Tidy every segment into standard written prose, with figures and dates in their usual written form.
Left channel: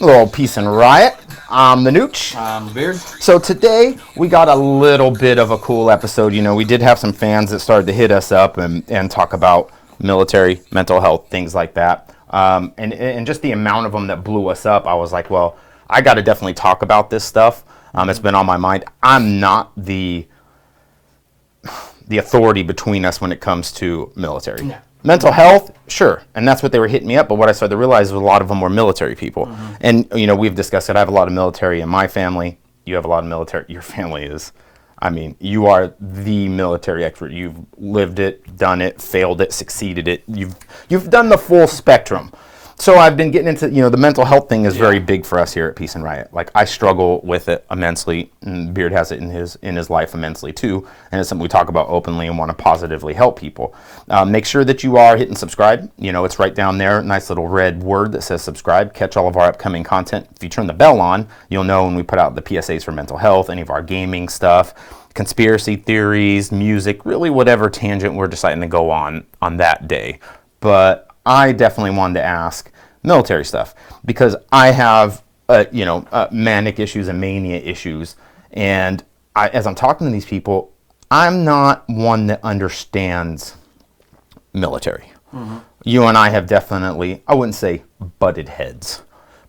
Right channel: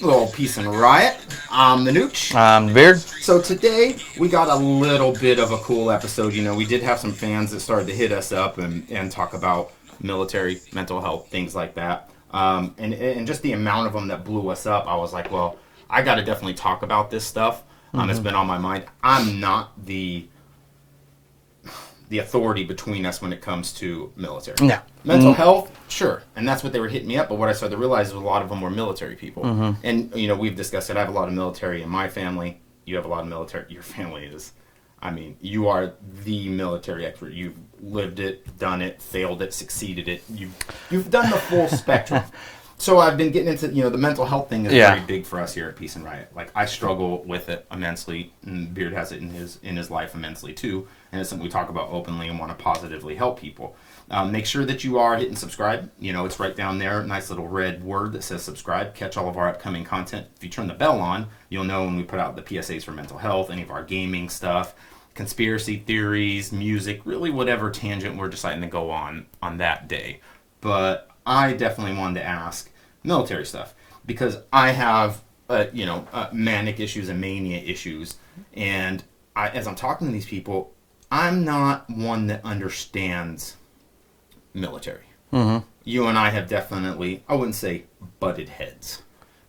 A little peace and riot. I'm the Nooch. I'm Beard. So today we got a little bit of a cool episode. You know, we did have some fans that started to hit us up and talk about military, mental health, things like that. And just the amount of them that blew us up, I was like, well, I got to definitely talk about this stuff. It's been on my mind. I'm not the authority between us when it comes to military. No. Mental health, sure. And that's what they were hitting me up. But what I started to realize was a lot of them were military people. And, you know, we've discussed it. I have a lot of military in my family. You have a lot of military. Your family is, I mean, you are the military expert. You've lived it, done it, failed it, succeeded it. You've done the full spectrum. So I've been getting into, you know, the mental health thing is very big for us here at Peace and Riot. Like, I struggle with it immensely, and Beard has it in his life immensely too, and it's something we talk about openly and want to positively help people. Make sure that you are hitting subscribe. You know, it's right down there, nice little red word that says subscribe. Catch all of our upcoming content. If you turn the bell on, you'll know when we put out the PSAs for mental health, any of our gaming stuff, conspiracy theories, music, really whatever tangent we're deciding to go on that day. But I definitely wanted to ask military stuff because I have, manic issues and mania issues. And as I'm talking to these people, I'm not one that understands military. You and I have definitely, I wouldn't say butted heads,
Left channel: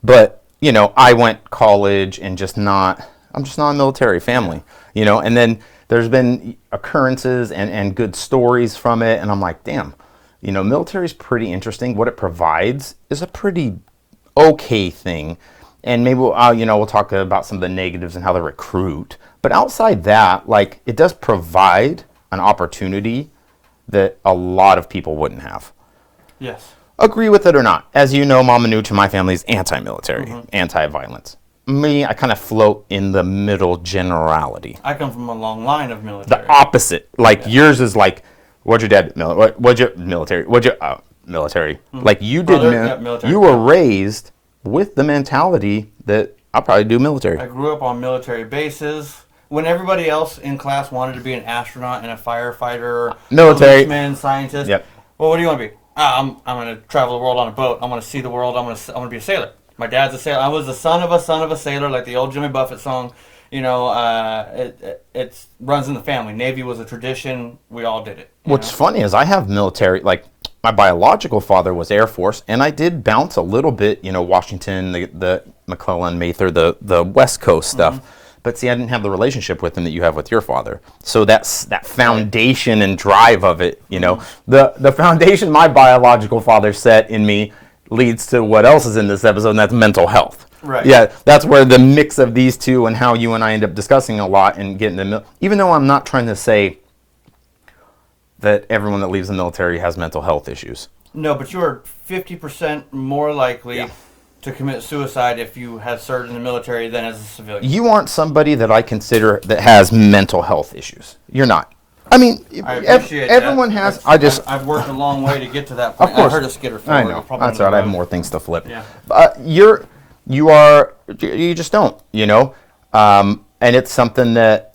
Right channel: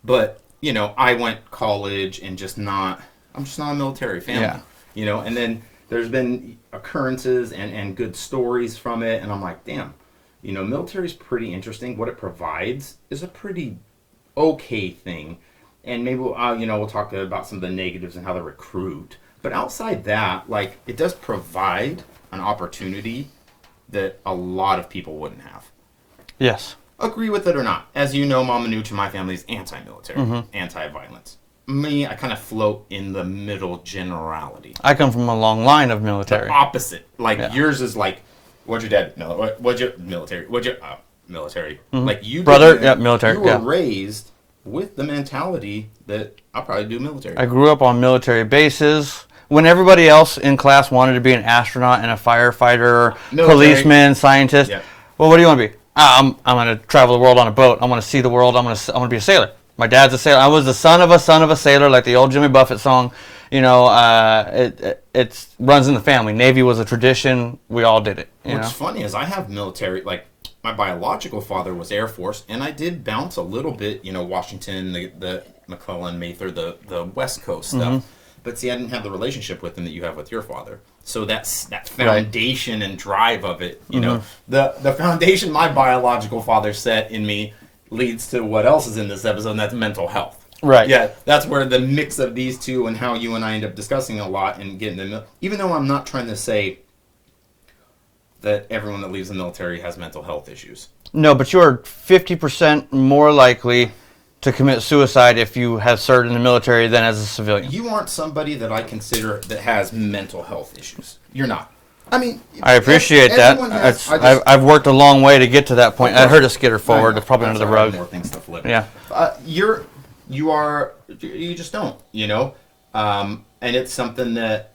but, you know, I went college and I'm just not a military family, you know, and then there's been occurrences and good stories from it. And I'm like, damn. You know, military is pretty interesting. What it provides is a pretty okay thing. And maybe we'll talk about some of the negatives and how they recruit. But outside that, like, it does provide an opportunity that a lot of people wouldn't have. Yes. Agree with it or not. As you know, Mama Nooch in my family is anti-military, anti-violence. Me, I kind of float in the middle generality. I come from a long line of military. The opposite. Like, yours is like, what's your dad? What's your military? What's your military? Like you Brother, military. You were raised with the mentality that I'll probably do military. I grew up on military bases. When everybody else in class wanted to be an astronaut and a firefighter, policeman, scientist, well, what do you want to be? I'm going to travel the world on a boat. I'm going to see the world. I'm going to be a sailor. My dad's a sailor. I was the son of a sailor, like the old Jimmy Buffett song. You know, it runs in the family. Navy was a tradition. We all did it. What's funny is I have military, like my biological father was Air Force, and I did bounce a little bit, you know, Washington, the McClellan, Mather, the West Coast stuff. But see, I didn't have the relationship with him that you have with your father. So that's that foundation and drive of it, you know. The foundation my biological father set in me leads to what else is in this episode, and that's mental health. Right. Yeah, that's where the mix of these two and how you and I end up discussing a lot and getting to know. Even though I'm not trying to say that everyone that leaves the military has mental health issues. No, but you are 50% more likely to commit suicide if you have served in the military than as a civilian. You aren't somebody that I consider that has mental health issues. You're not. I mean, I appreciate that. Everyone has. I've worked a long way to get to that point. I heard a skitter forward. Probably under the road. More things to flip. Yeah. You just don't, you know, and it's something that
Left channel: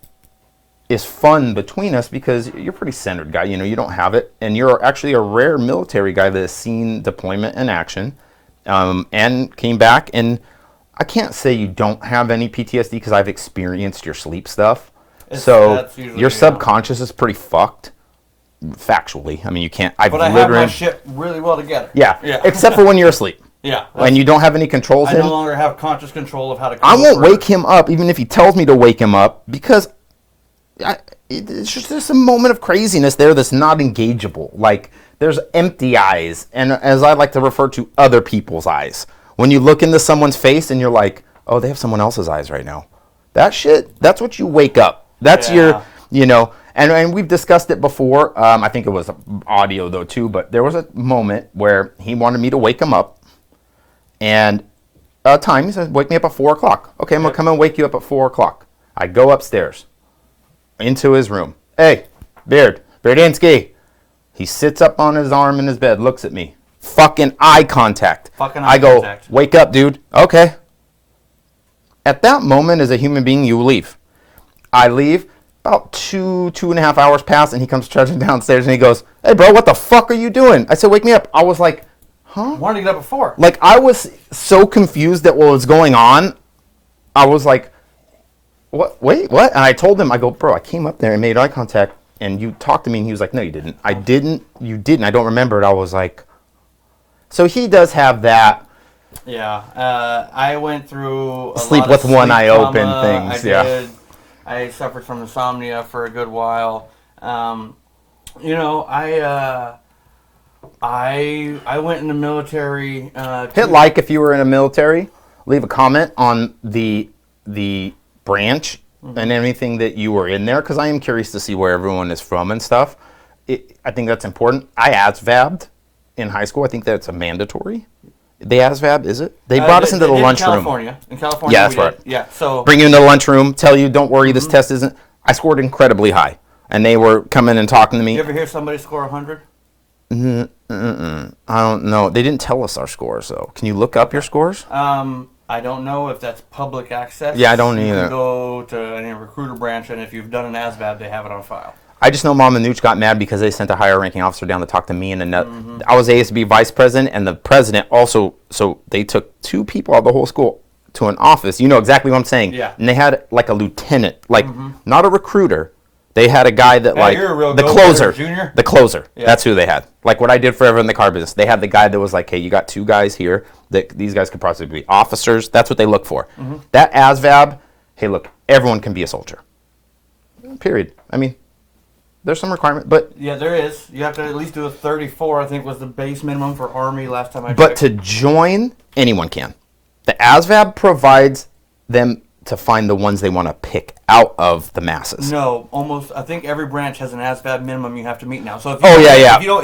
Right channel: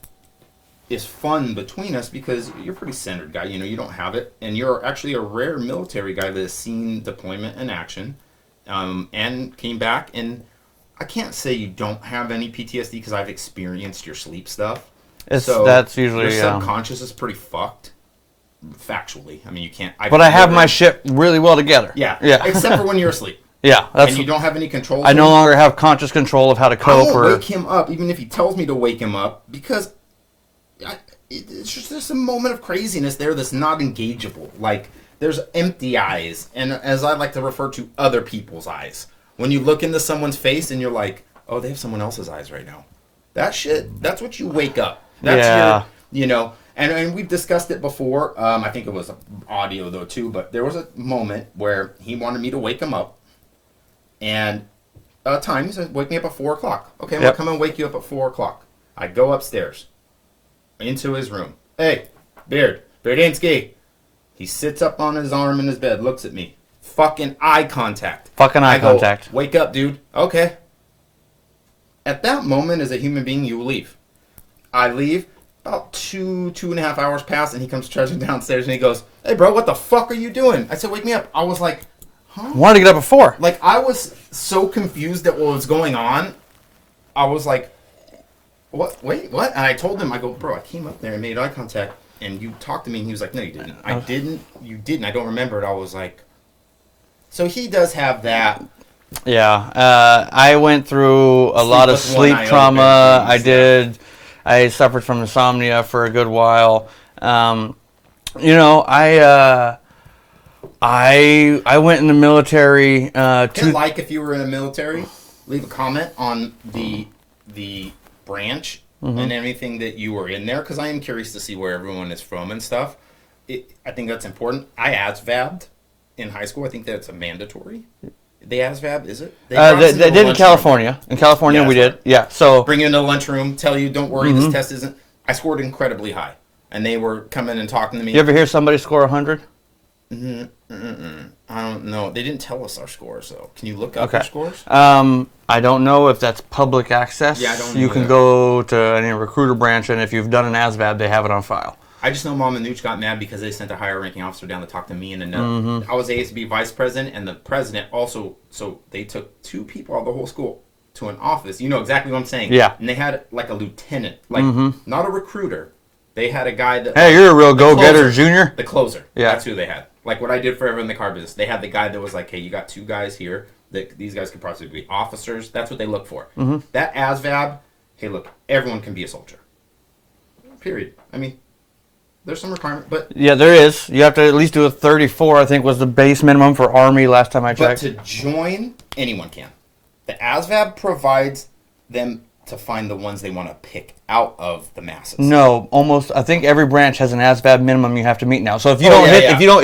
is fun between us because you're a pretty centered guy, you know, you don't have it, and you're actually a rare military guy that has seen deployment in action, and came back, and I can't say you don't have any PTSD because I've experienced your sleep stuff, so that's usually, your subconscious is pretty fucked, factually. I mean, you can't. But I have my shit really well together. Yeah, except for when you're asleep. Yeah. And you don't have any control. I no longer have conscious control of how to cope. I won't wake him up, even if he tells me to wake him up, because it's just there's a moment of craziness there that's not engageable. Like, there's empty eyes, and as I like to refer to, other people's eyes. When you look into someone's face and you're like, oh, they have someone else's eyes right now. That shit, that's what you wake up. That's your, you know, and we've discussed it before. I think it was audio, though, too, but there was a moment where he wanted me to wake him up. And he said, wake me up at 4 o'clock. Okay, I'm going to come and wake you up at 4 o'clock. I go upstairs into his room. Hey, Beardinsky. He sits up on his arm in his bed, looks at me. Fucking eye contact. I go, wake up, dude. Okay. At that moment, as a human being, you leave. I leave. About 2.5 hours pass, and he comes trudging downstairs, and he goes, hey, bro, what the fuck are you doing? I said, wake me up. I was like, Huh? Wanted to get up at 4. Like, I was so confused at what was going on. I was like, what? Wait, what? And I told him, I go, bro, I came up there and made eye contact, and you talked to me, and he was like, no, you didn't. I didn't. You didn't. I don't remember it. I was like, so he does have that. Yeah. I went through a lot of sleep trauma. I suffered from insomnia for a good while. You know, I went in the military. Hit like if you were in the military. Leave a comment on the branch and anything that you were in there, because I am curious to see where everyone is from and stuff. I think that's important. I ASVAB'd in high school. I think that's a mandatory. They ASVAB, is it? They brought us into the lunchroom. In California, we did. Yeah. So bring you into the lunchrohdon't tell you, don't worry, this test isn't. I scored incredibly high, and they were coming and talking to me. You ever hear somebody score 100? I don't know. They didn't tell us our scores, though. Can you look up your scores? I don't know if that's public access. Yeah, I don't either. You can go to any recruiter branch, and if you've done an ASVAB, they have it on file. I just know Mom and Nooch got mad because they sent a higher ranking officer down to talk to me and another. I was ASB vice president, and the president also. So they took 2 people out of the whole school to an office. You know exactly what I'm saying. Yeah. And they had like a lieutenant, like not a recruiter. They had a guy that you're a real go-getter, Junior. The closer. Yeah. That's who they had. Like what I did forever in the car business. They had the guy that was like, hey, you got 2 guys here. That these guys could possibly be officers. That's what they look for. That ASVAB, hey, look, everyone can be a soldier. Period. I mean, there's some requirement, but... Yeah, there is. You have to at least do a 34, I think, was the base minimum for Army last time I checked. But to join, anyone can. The ASVAB provides them to find the ones they want to pick out of the masses. No, almost. I think every branch has an ASVAB minimum you have to meet now. So if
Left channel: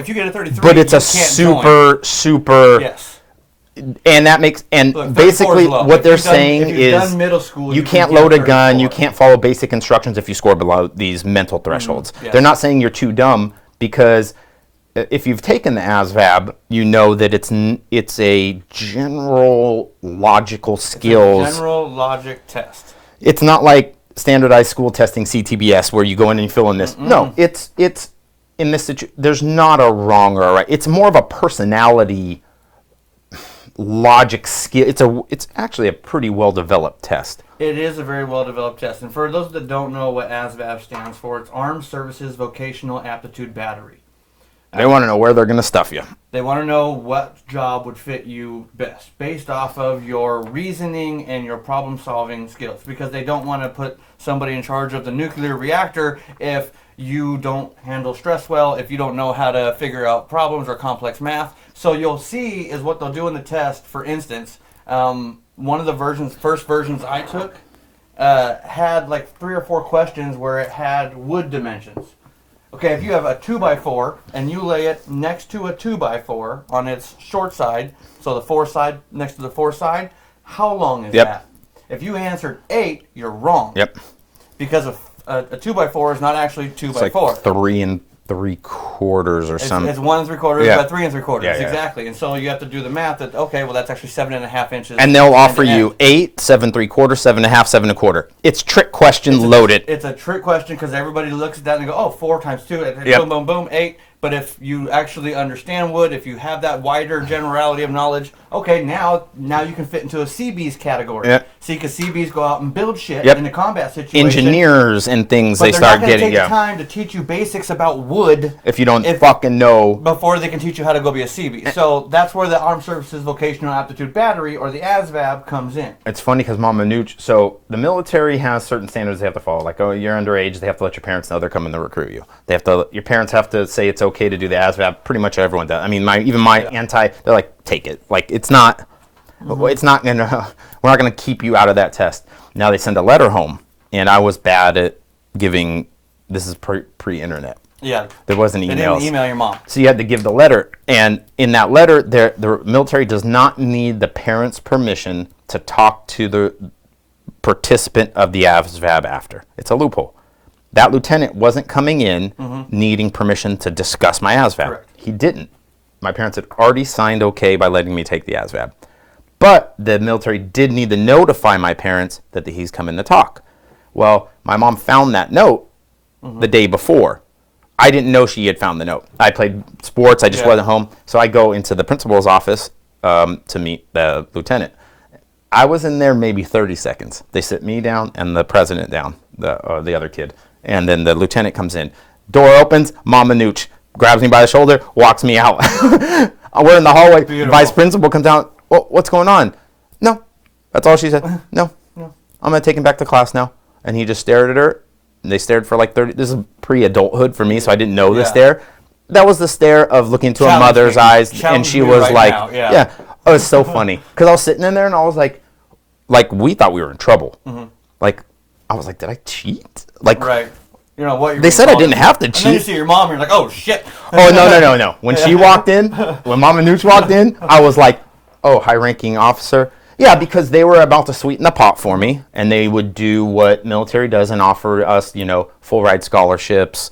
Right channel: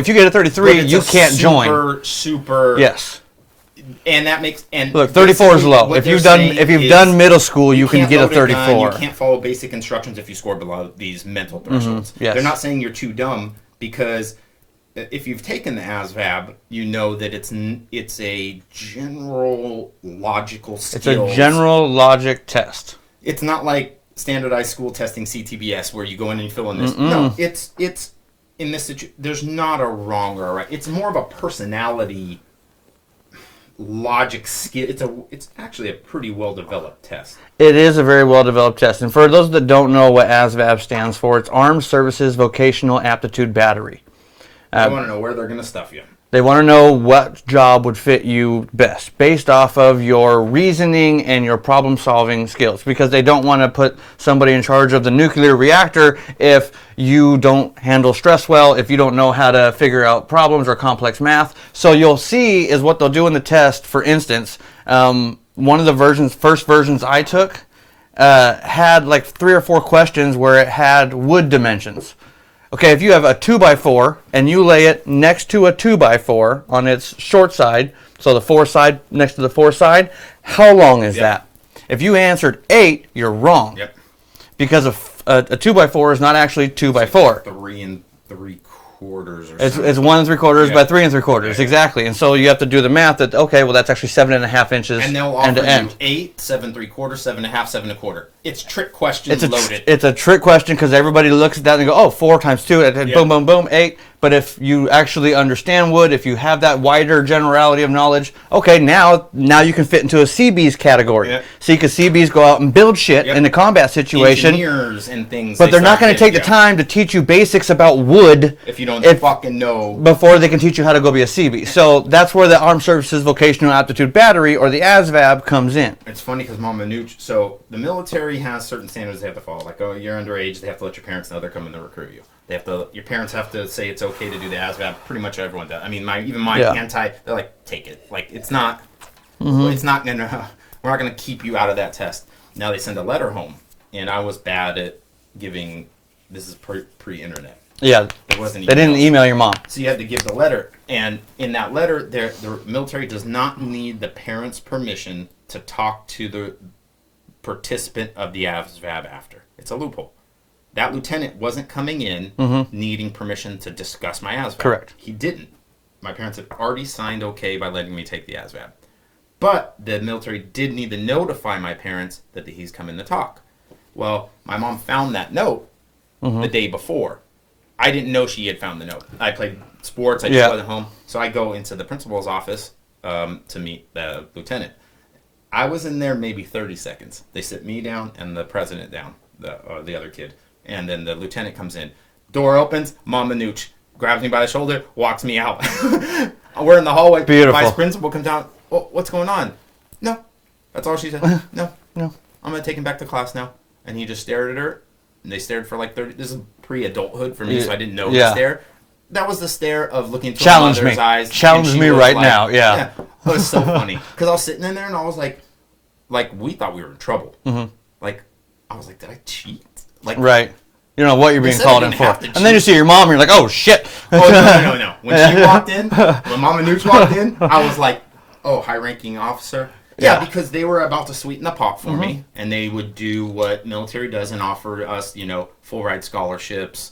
you get a 33, but it's you can't join. Super. Yes. And that makes look, 34 is low. What they're saying if you've done middle school, you can't can load get a a gun. You can't follow basic instructions if you score below these mental thresholds. Yes. They're not saying you're too dumb, because if you've taken the ASVAB, you know that it's a general logical skills. It's a general logic test. It's not like standardized school testing CTBS where you go in and you fill in this. No, it's in this situation. There's not a wrong or a right. It's more of a personality. Logic skill. It's actually a pretty well developed test. It is a very well developed test, and for those that don't know what ASVAB stands for, it's Armed Services Vocational Aptitude Battery. They want to know where they're going to stuff you. They want to know what job would fit you best based off of your reasoning and your problem-solving skills, because they don't want to put somebody in charge of the nuclear reactor if you don't handle stress well, if you don't know how to figure out problems or complex math. So you'll see is what they'll do in the test. For instance, one of the first versions I took had like 3 or 4 questions where it had wood dimensions. Okay, if you have a 2x4 and you lay it next to a 2x4 on its short side, so the 4 side next to the 4 side, how long is that? If you answered 8, you're wrong. Yep. Because a 2x4 is not actually 2x4. It's like 3 3/4 or something. It's 1 3/4 by 3 3/4, exactly. And so you have to do the math that, okay, well, that's actually 7.5 inches. And they'll offer you 8, 7 3/4, 7.5, 7 1/4. It's trick question loaded. It's a trick question because everybody looks at that and go, oh, 4 times 2, boom, boom, boom, 8. But if you actually understand wood, if you have that wider generality of knowledge, okay, now you can fit into a CB's category. Yep. See, because CB's go out and build shit in the combat situation. Engineers and things. But they're not going to take the time to teach you basics about wood if you don't fucking know before they can teach you how to go be a CB. So that's where the Armed Services Vocational Aptitude Battery, or the ASVAB, comes in. It's funny because Mama Nooch, so the military has certain standards they have to follow. Like, oh, you're underage, they have to let your parents know they're coming to recruit you. Your parents have to say it's okay to do the ASVAB. Pretty much everyone does. I mean, they're like, take it. Like, it's not we're not gonna keep you out of that test. Now they send a letter home, and I was bad at giving. This is pre-internet. Yeah, there wasn't emails. They didn't email your mom, so you had to give the letter. And in that letter, the military does not need the parents' permission to talk to the participant of the ASVAB after. It's a loophole. That lieutenant wasn't coming in needing permission to discuss my ASVAB. Correct. He didn't. My parents had already signed okay by letting me take the ASVAB. But the military did need to notify my parents that he's coming to talk. Well, my mom found that note the day before. I didn't know she had found the note. I played sports. I just wasn't home. So I go into the principal's office to meet the lieutenant. I was in there maybe 30 seconds. They sit me down and the president down, the other kid. And then the lieutenant comes in. Door opens, Mama Nooch grabs me by the shoulder, walks me out. We're in the hallway. Beautiful. Vice principal comes down. Oh, what's going on? No. That's all she said. No. I'm going to take him back to class now. And he just stared at her. And they stared for like 30. This is pre-adulthood for me, so I didn't know the stare. That was the stare of looking into a mother's eyes. And she was right like, now. Yeah. It was so funny. Because I was sitting in there and I was like we thought we were in trouble. Mm-hmm. Like, I was like, did I cheat? Like, right. You know what you're They being said called I didn't in have for. to cheat. And then you see your mom and you're like, oh, shit. Oh, no. When she walked in, when Mama Nooch walked in, I was like, oh, high-ranking officer. Yeah, because they were about to sweeten the pot for me, and they would do what military does and offer us, full ride scholarships.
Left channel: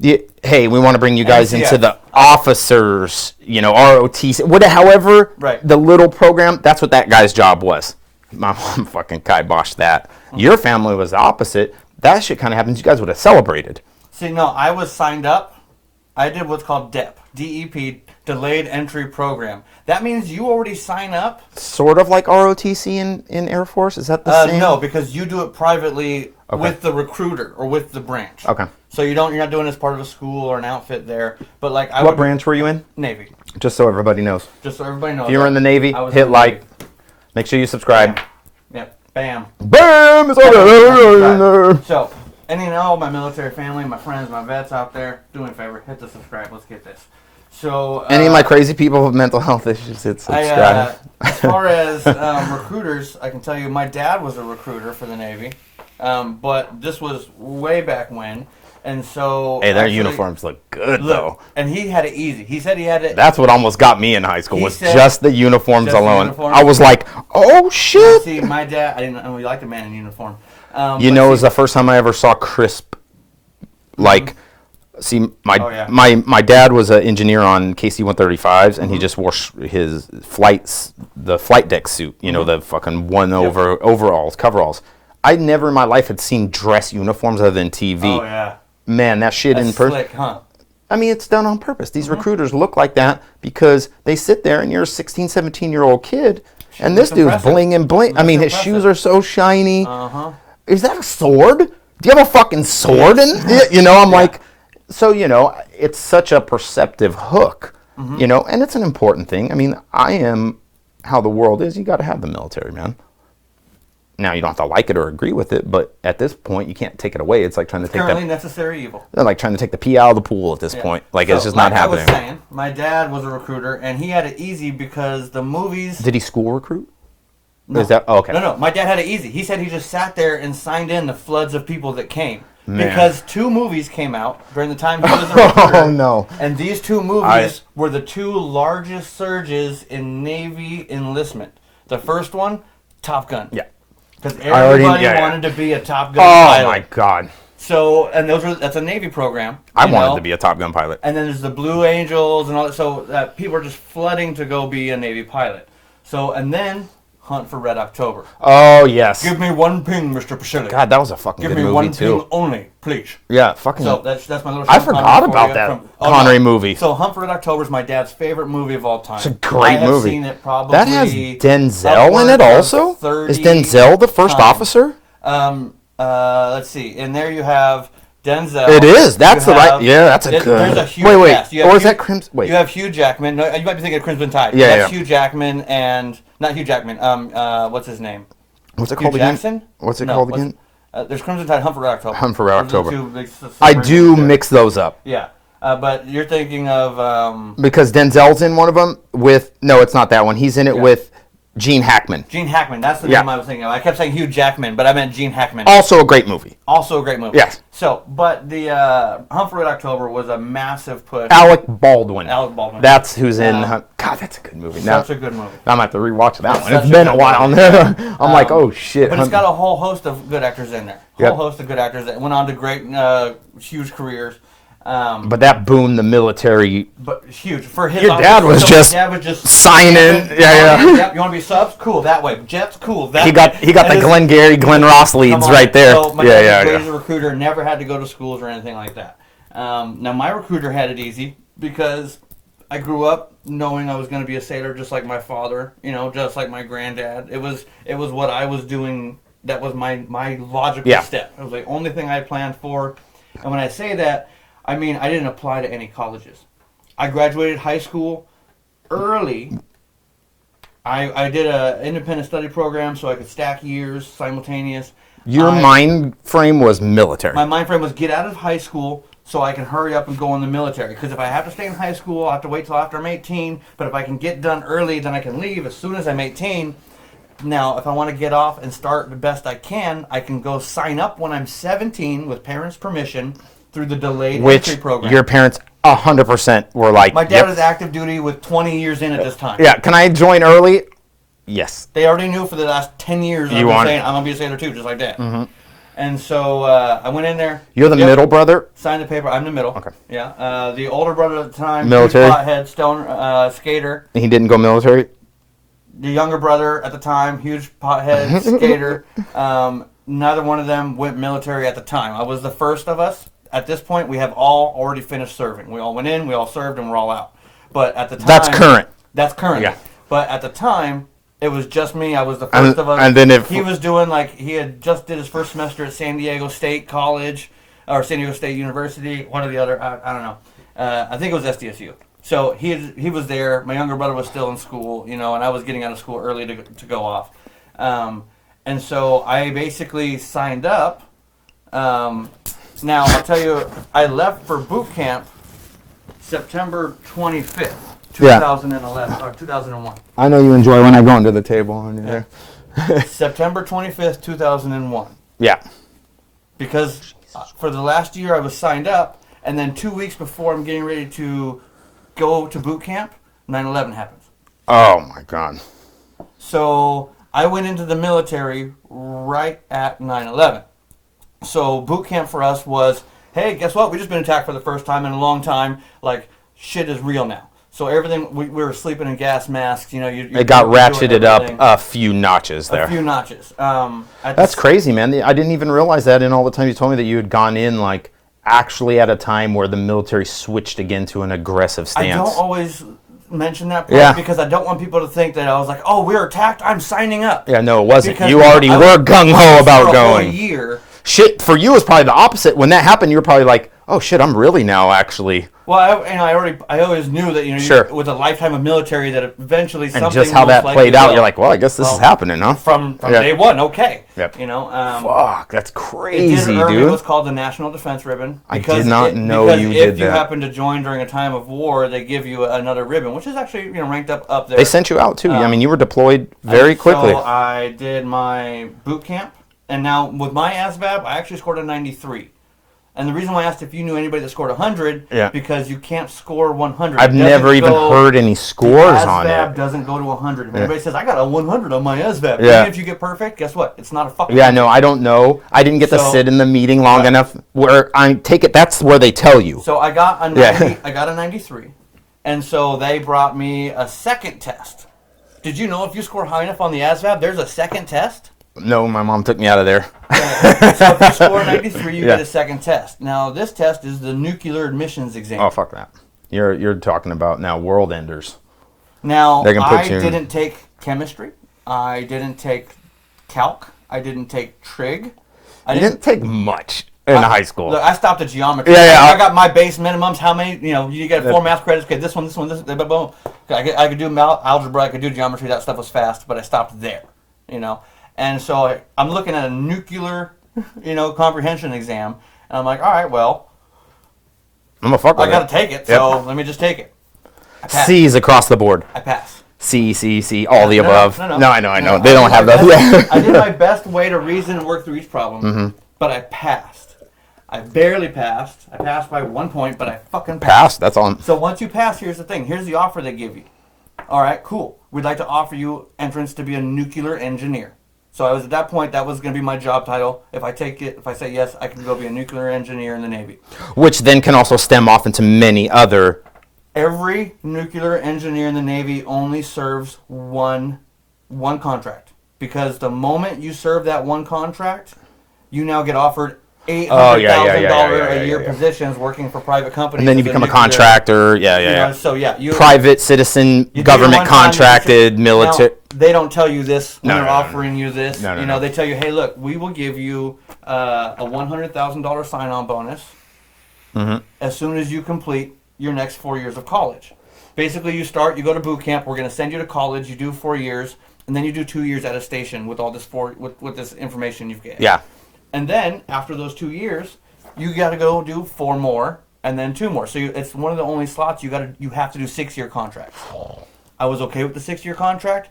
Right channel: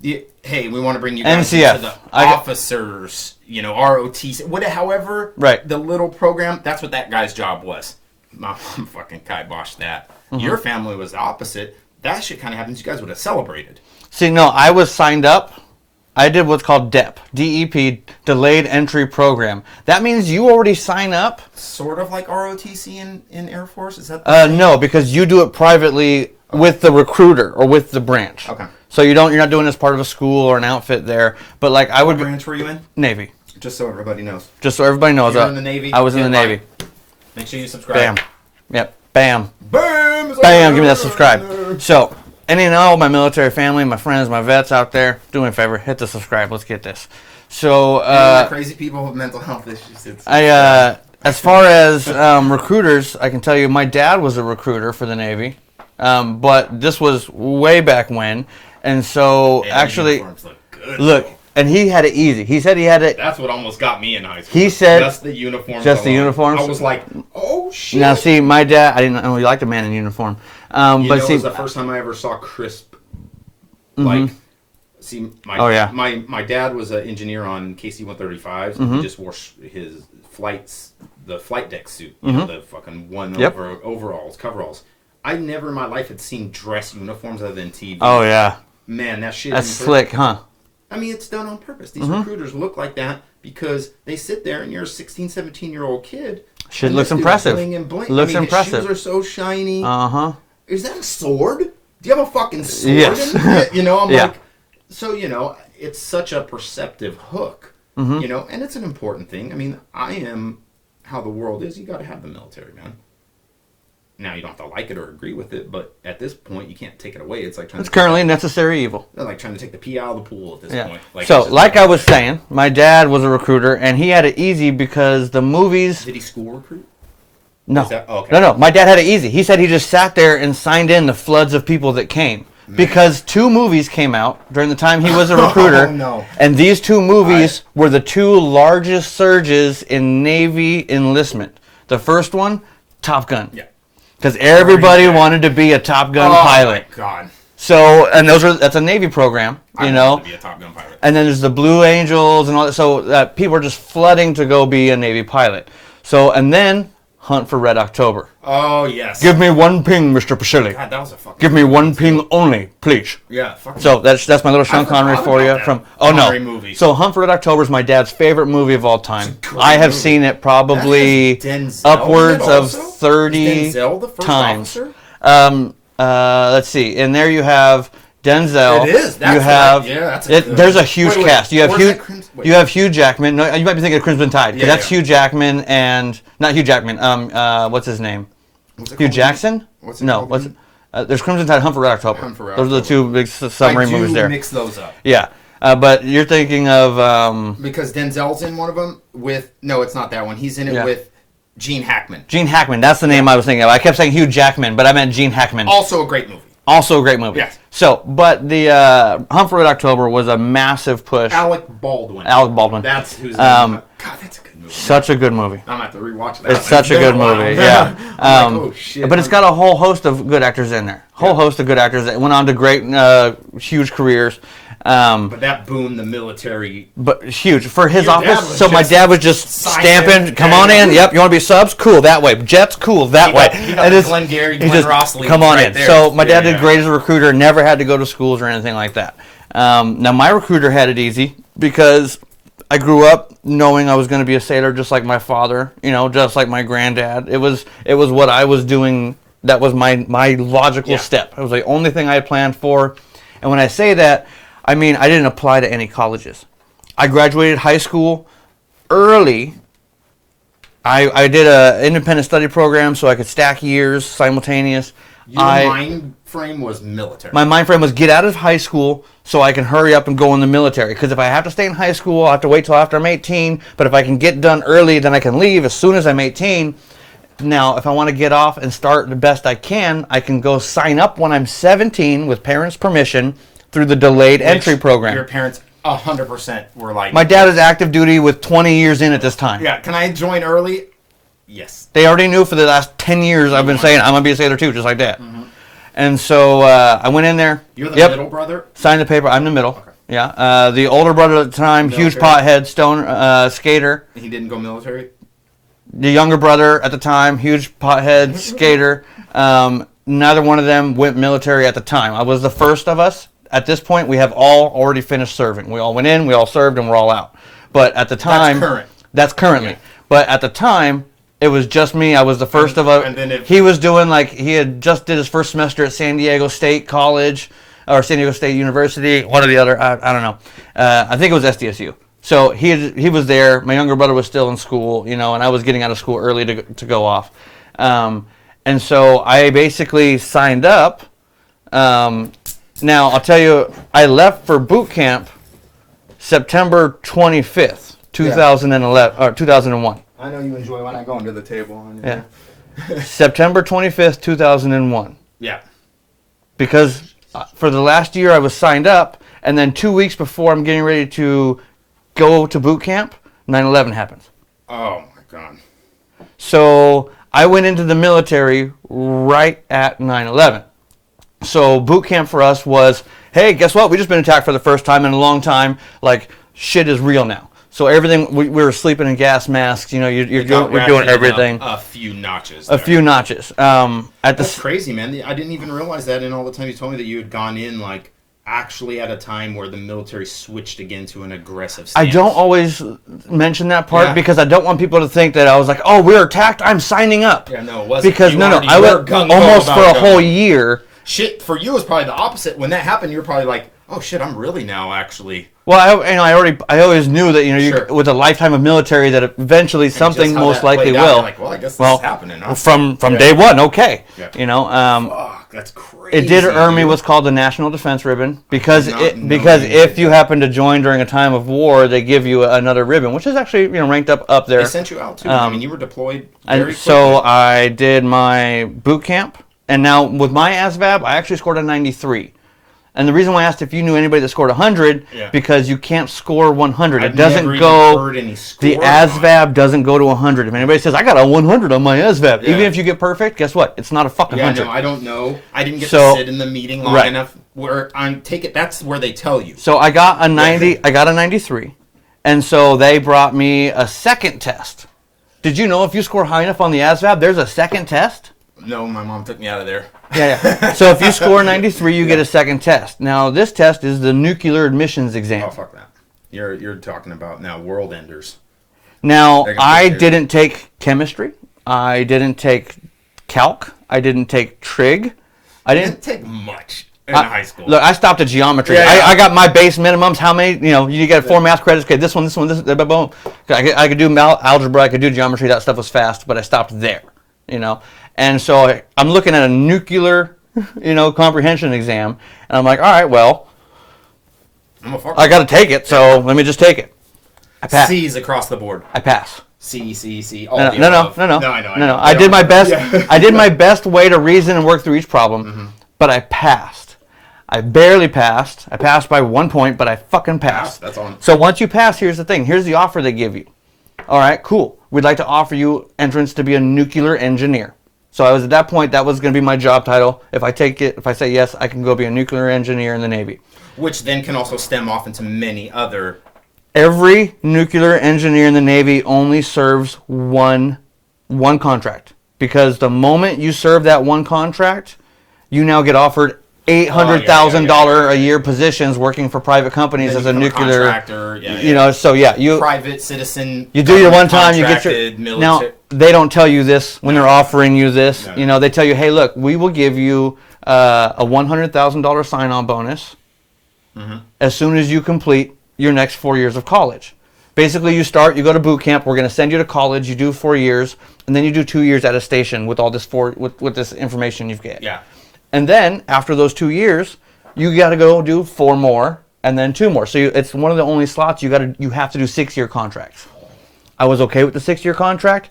Hey, we want to bring you guys into the officers, ROTC, however, the little program, that's what that guy's job was. My mom fucking kiboshed that. Mm-hmm. Your family was the opposite. That shit kind of happens. You guys would have celebrated. See, no, I was signed up. I did what's called DEP, DEP, Delayed Entry Program. That means you already sign up. Sort of like ROTC in Air Force? Is that the same? No, because you do it privately with the recruiter or with the branch. Okay. So you're not doing it as part of a school or an outfit there. But like What branch were you in? Navy. Just so everybody knows. Just so everybody knows. If you're in the Navy, I was in the Navy. Make sure you subscribe. Bam. Yep. Bam. Bam! Bam. Subscribe. So, any and all my military family, my friends, my vets out there, do me a favor, hit the subscribe. Let's get this. So, any of my crazy people with mental health issues, hit subscribe. As far as recruiters, I can tell you my dad was a recruiter for the Navy, but this was way back when. And so, their uniforms look good, though. And he had it easy. He said he had it. That's what almost got me in high school. He said just the uniforms just alone. The uniforms? I was like, oh shit. Now, see, my dad, I didn't know he liked a man in uniform. It was the first time I ever saw crisp. Like, my dad was an engineer on KC-135s, and he just wore his the flight deck suit. The fucking overalls, coveralls. I never in my life had seen dress uniforms other than TV. Oh yeah. Man, that shit That's slick, huh? I mean, it's done on purpose. These recruiters look like that because they sit there and you're a 16, 17-year-old kid. And this dude's bling and bling. I mean, his shoes are so shiny. Uh-huh. Is that a sword? Do you have a fucking sword in it? I'm like, so, it's such a perceptive hook, and it's an important thing. I mean, I am how the world is. You got to have the military, man. Now, you don't have to like it or agree with it, but at this point, you can't take it away. It's like trying to take currently necessary evil. They're like trying to take the pee out of the pool at this point. Like, so, it's just like I was saying, my dad was a recruiter, and he had it easy because the movies... Did he school recruit? No. Okay. No. My dad had it easy. He said he just sat there and signed in the floods of people that came. Man. Because 2 movies came out during the time he was a recruiter. Oh, no. And these 2 movies were the 2 largest surges in Navy enlistment. The first one, Top Gun. Yeah. Because everybody wanted to be a Top Gun pilot. Oh, my God. So, and that's a Navy program. I wanted to be a Top Gun pilot. And then there's the Blue Angels and all that. So people are just flooding to go be a Navy pilot. So, and then Hunt for Red October. Oh, yes. Give me 1 ping, Mr. Pacelli. God, that was a fucking Give me 1 ping only, please. Yeah, fucking. So that's my little Sean Connery for you. From Connery movie. So Hunt for Red October is my dad's favorite movie of all time. It's a great I have movie. Seen it probably that has Denzel in it also? 30 Is Denzel the first officer? Let's see. And there you have Denzel. It is. That's that's a good. There's a huge cast. You have Hugh Jackman. No, you might be thinking of Crimson Tide. Yeah, that's Hugh Jackman and not Hugh Jackman. What's his name? What's it Hugh called? Jackson? What's it called again? There's Crimson Tide, Hunt for Red October. Hunt for Red October. Those are the 2 big submarine I do movies there. mix those up. Yeah. But you're thinking of because Denzel's in one of them with it's not that one. He's in it with Gene Hackman. Gene Hackman, that's the name I was thinking of. I kept saying Hugh Jackman, but I meant Gene Hackman. Also a great movie. Yes. So, but the Hunt for Red October was a massive push. Alec Baldwin. That's who's in. God, that's a good movie. Such a good movie. I'm going to have to rewatch that. It's such a good movie. Yeah. I'm like, oh shit. But it's got a whole host of good actors in there. Whole host of good actors that went on to great, huge careers. But that boomed the military. But huge for his Your office. Dad was so just my dad was just signing. Come on in. Yep. You want to be subs? Cool. That way. Jets? Cool. That way. He got the Glenn Ross leads right there. So my dad was great as a recruiter. Never had to go to schools or anything like that. Now, my recruiter had it easy because I grew up knowing I was going to be a sailor just like my father, just like my granddad. It was what I was doing. That was my logical step. It was the only thing I had planned for. And when I say that, I mean I didn't apply to any colleges. I graduated high school early. I did an independent study program so I could stack years simultaneous. Your mind frame was military. My mind frame was get out of high school so I can hurry up and go in the military. Because if I have to stay in high school, I'll have to wait till after I'm 18. But if I can get done early, then I can leave as soon as I'm 18. Now, if I want to get off and start the best I can go sign up when I'm 17 with parents' permission through the delayed entry program. Your parents 100% were like... My dad is active duty with 20 years in at this time. Yeah, can I join early? Yes. They already knew for the last 10 years I've been saying I'm going to be a sailor too, just like that. Mm-hmm. And so I went in there. You're the middle brother? Signed the paper. I'm the middle. Okay. Yeah. The older brother at the time, military. Huge pothead, skater. He didn't go military? The younger brother at the time, huge pothead, skater. Neither one of them went military at the time. I was the first of us. At this point, we have all already finished serving. We all went in, we all served, and we're all out. But at the time... That's current. That's currently. Yeah. But at the time... It was just me. I was the first of us. And then he was doing he had just did his first semester at San Diego State College or San Diego State University, one or the other. I don't know. I think it was SDSU. So he was there. My younger brother was still in school, and I was getting out of school early to go off. And so I basically signed up. Now I'll tell you, I left for boot camp September 25th. 2011 or 2001. I know you enjoy when I go into the table. Yeah. September 25th, 2001. Yeah. Because for the last year I was signed up, and then 2 weeks before I'm getting ready to go to boot camp, 9/11 happens. Oh my God. So I went into the military right at 9/11. So boot camp for us was, hey, guess what? We just been attacked for the first time in a long time. Like, shit is real now. So everything, we were sleeping in gas masks, you're it got doing everything. Up a few notches there. A few notches. That's crazy, man. I didn't even realize that in all the time you told me that you had gone in, actually at a time where the military switched again to an aggressive stance. I don't always mention that part because I don't want people to think that I was like, oh, we're attacked, I'm signing up. Yeah, no, it wasn't. Because you already were gung-ho about for going. A whole year. Shit, for you, it was probably the opposite. When that happened, you were probably like, oh shit, I'm really now actually... Well, I always knew that sure. With a lifetime of military that eventually something just how most that likely played out, will. You're like, well, I guess this is happening, huh? From day one, okay. Yep. Fuck, that's crazy. It did earn me what's called the National Defense Ribbon because if you happen to join during a time of war, they give you another ribbon, which is actually ranked up there. They sent you out too. You were deployed very quickly. So I did my boot camp, and now with my ASVAB, I actually scored a 93. And the reason why I asked if you knew anybody that scored 100, because you can't score 100. I've never even heard any scores. The ASVAB doesn't go to 100. If anybody says, I got a 100 on my ASVAB, even if you get perfect, guess what? It's not a fucking 100. Yeah, no, I don't know. I didn't get to sit in the meeting long enough where that's where they tell you. So I got a 90, I got a 93. And so they brought me a second test. Did you know if you score high enough on the ASVAB, there's a second test? No, my mom took me out of there. Yeah. So if you score 93, you get a second test. Now, this test is the nuclear admissions exam. Oh, fuck that. You're talking about now world enders. Now, I didn't take chemistry. I didn't take calc. I didn't take trig. I didn't take much in high school. Look, I stopped at geometry. I got my base minimums. How many, you get 4 math credits. Okay, this one, boom. I could do algebra. I could do geometry. That stuff was fast, but I stopped there, And so I'm looking at a nuclear, comprehension exam, and I'm like, all right, well, I got to take it, so let me just take it. I pass. C's across the board. I pass. C, all the above. No, I know. I did my best. I did my best way to reason and work through each problem, but I passed. I barely passed. I passed by 1 point, but I fucking passed. That's on. So once you pass, here's the thing. Here's the offer they give you. All right, cool. We'd like to offer you entrance to be a nuclear engineer. So I was at that point, that was going to be my job title. If I take it, if I say yes, I can go be a nuclear engineer in the Navy. Which then can also stem off into many other... Every nuclear engineer in the Navy only serves one contract. Because the moment you serve that one contract, you now get offered $800,000 a year positions working for private companies. And then you become a contractor. Private citizen, you government contracted, military. Now, they don't tell you this when they're offering you this. They tell you, hey, look, we will give you a $100,000 sign-on bonus as soon as you complete your next 4 years of college. Basically, you go to boot camp. We're going to send you to college. You do 4 years, and then you do 2 years at a station with all this with this information you've got. Yeah. And then after those 2 years, you got to go do 4 more, and then 2 more. So it's one of the only slots you have to do 6-year contracts. I was okay with the 6-year contract.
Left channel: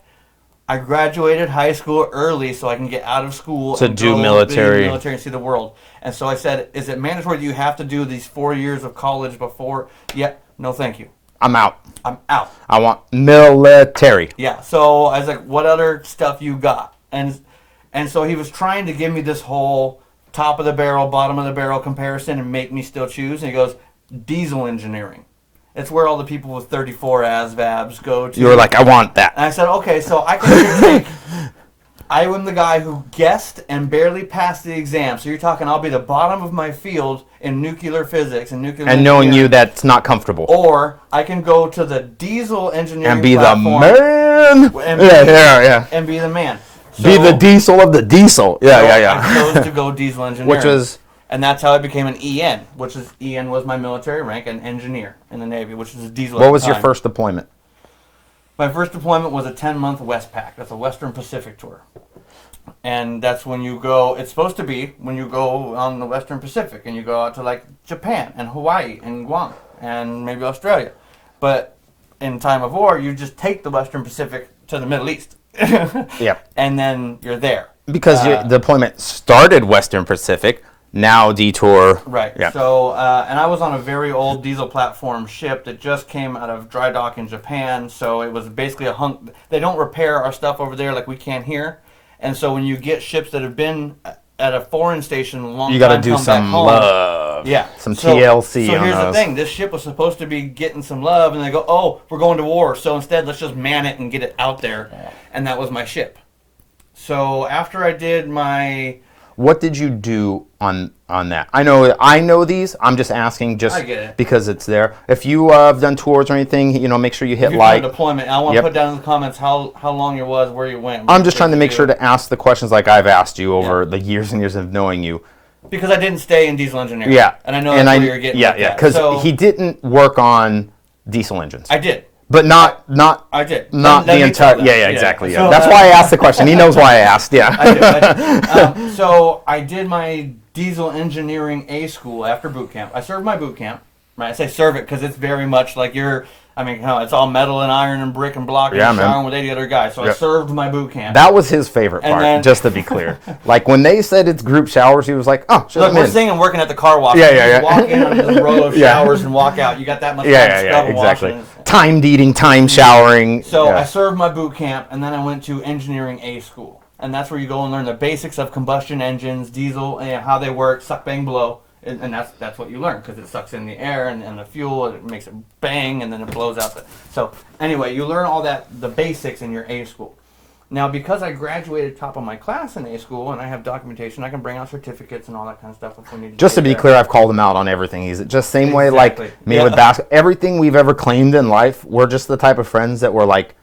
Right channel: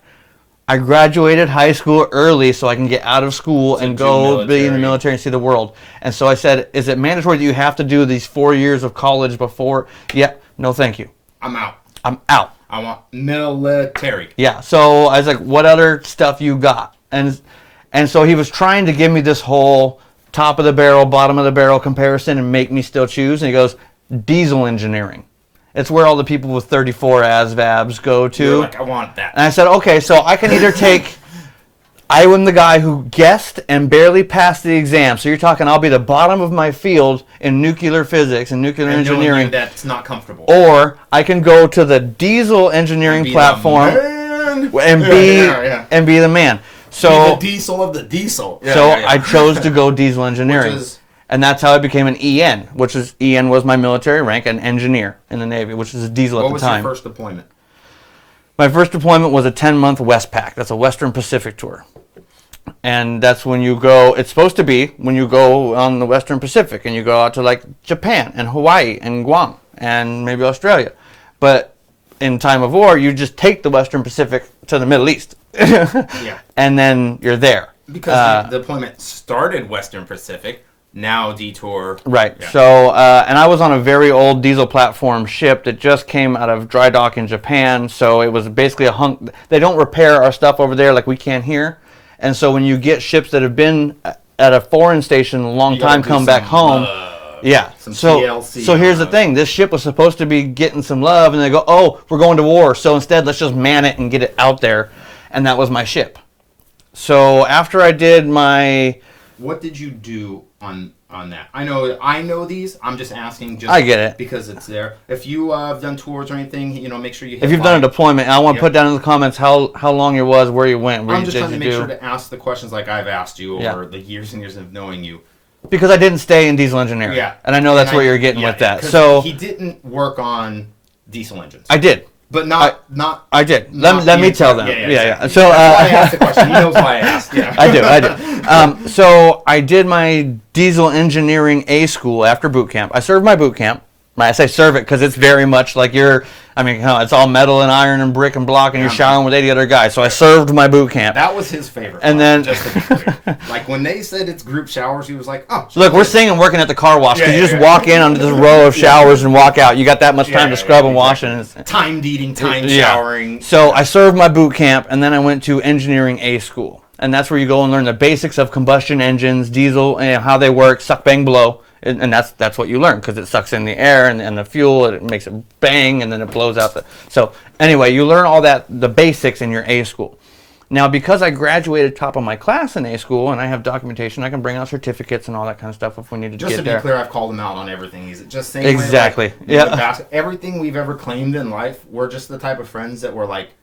I graduated high school early so I can get out of school and go be in the military and see the world. And so I said, is it mandatory that you have to do these 4 years of college before? Yeah, no thank you. I'm out. I want military. Yeah, so I was like, what other stuff you got? And so he was trying to give me this whole top of the barrel, bottom of the barrel comparison and make me still choose. And he goes, diesel engineering. It's where all the people with 34 ASVABs go to. You were like, I want that. And I said, okay, so I can either take... I am the guy who guessed and barely passed the exam. So you're talking I'll be the bottom of my field in nuclear physics and nuclear engineering. And knowing you that's not comfortable. Or I can go to the diesel engineering platform. And be the man. So, be the diesel of the diesel. I chose to go diesel engineering. And that's how I became an EN, EN was my military rank, an engineer in the Navy, which is a diesel at the time. What was your first deployment? My first deployment was a 10-month Westpac. That's a Western Pacific tour. And that's when you go, it's supposed to be when you go on the Western Pacific and you go out to like Japan and Hawaii and Guam and maybe Australia. But in time of war, you just take the Western Pacific to the Middle East. And then you're there. Because your deployment started Western Pacific, now detour. Right. Yeah. So, and I was on a very old diesel platform ship that just came out of dry dock in Japan. So it was basically a hunk. They don't repair our stuff over there like we can here. And so when you get ships that have been at a foreign station a long time come back home. Some TLC. So here's the thing. This ship was supposed to be getting some love, and they go, oh, we're going to war. So instead, let's just man it and get it out there. And that was my ship. So after I did my... What did you do on that? I know these. I'm just asking I get it. Because it's there. If you have done tours or anything, make sure you hit like. If you've done a deployment, I want to put down in the comments how long it was, where you went. I'm just trying to make sure to ask the questions like I've asked you over the years and years of knowing you. Because I didn't stay in diesel engineering. Yeah. And I know that's where you're getting with that. Because he didn't work on diesel engines. I did. But not. I did. Let me tell them. Yeah, exactly. So that's why I asked the question. He knows why I asked. Yeah, I do. So I did my diesel engineering A school after boot camp. I served my boot camp. I say serve it because it's very much like it's all metal and iron and brick and block, and you're showering with 80 other guys. So I served my boot camp. That was his favorite part, just to be clear. Like when they said it's group showers, he was like, oh. Look, we're singing working at the car wash. You just walk in onto the row of showers and walk out. You got that much time to scrub and wash. Timed eating, time showering. So I served my boot camp, and then I went to engineering A school. And that's where you go and learn the basics of combustion engines, diesel, and how they work, suck, bang, blow. And that's what you learn because it sucks in the air and the fuel, and it makes it bang, and then it blows out So anyway, you learn all the basics in your A school. Now, because I graduated top of my class in A school and I have documentation, I can bring out certificates and all that kind of stuff if we need to. Just to be clear, I've called him out on everything. He's just same way like me with basketball. Everything we've ever claimed in life, we're just the type of friends that we're like,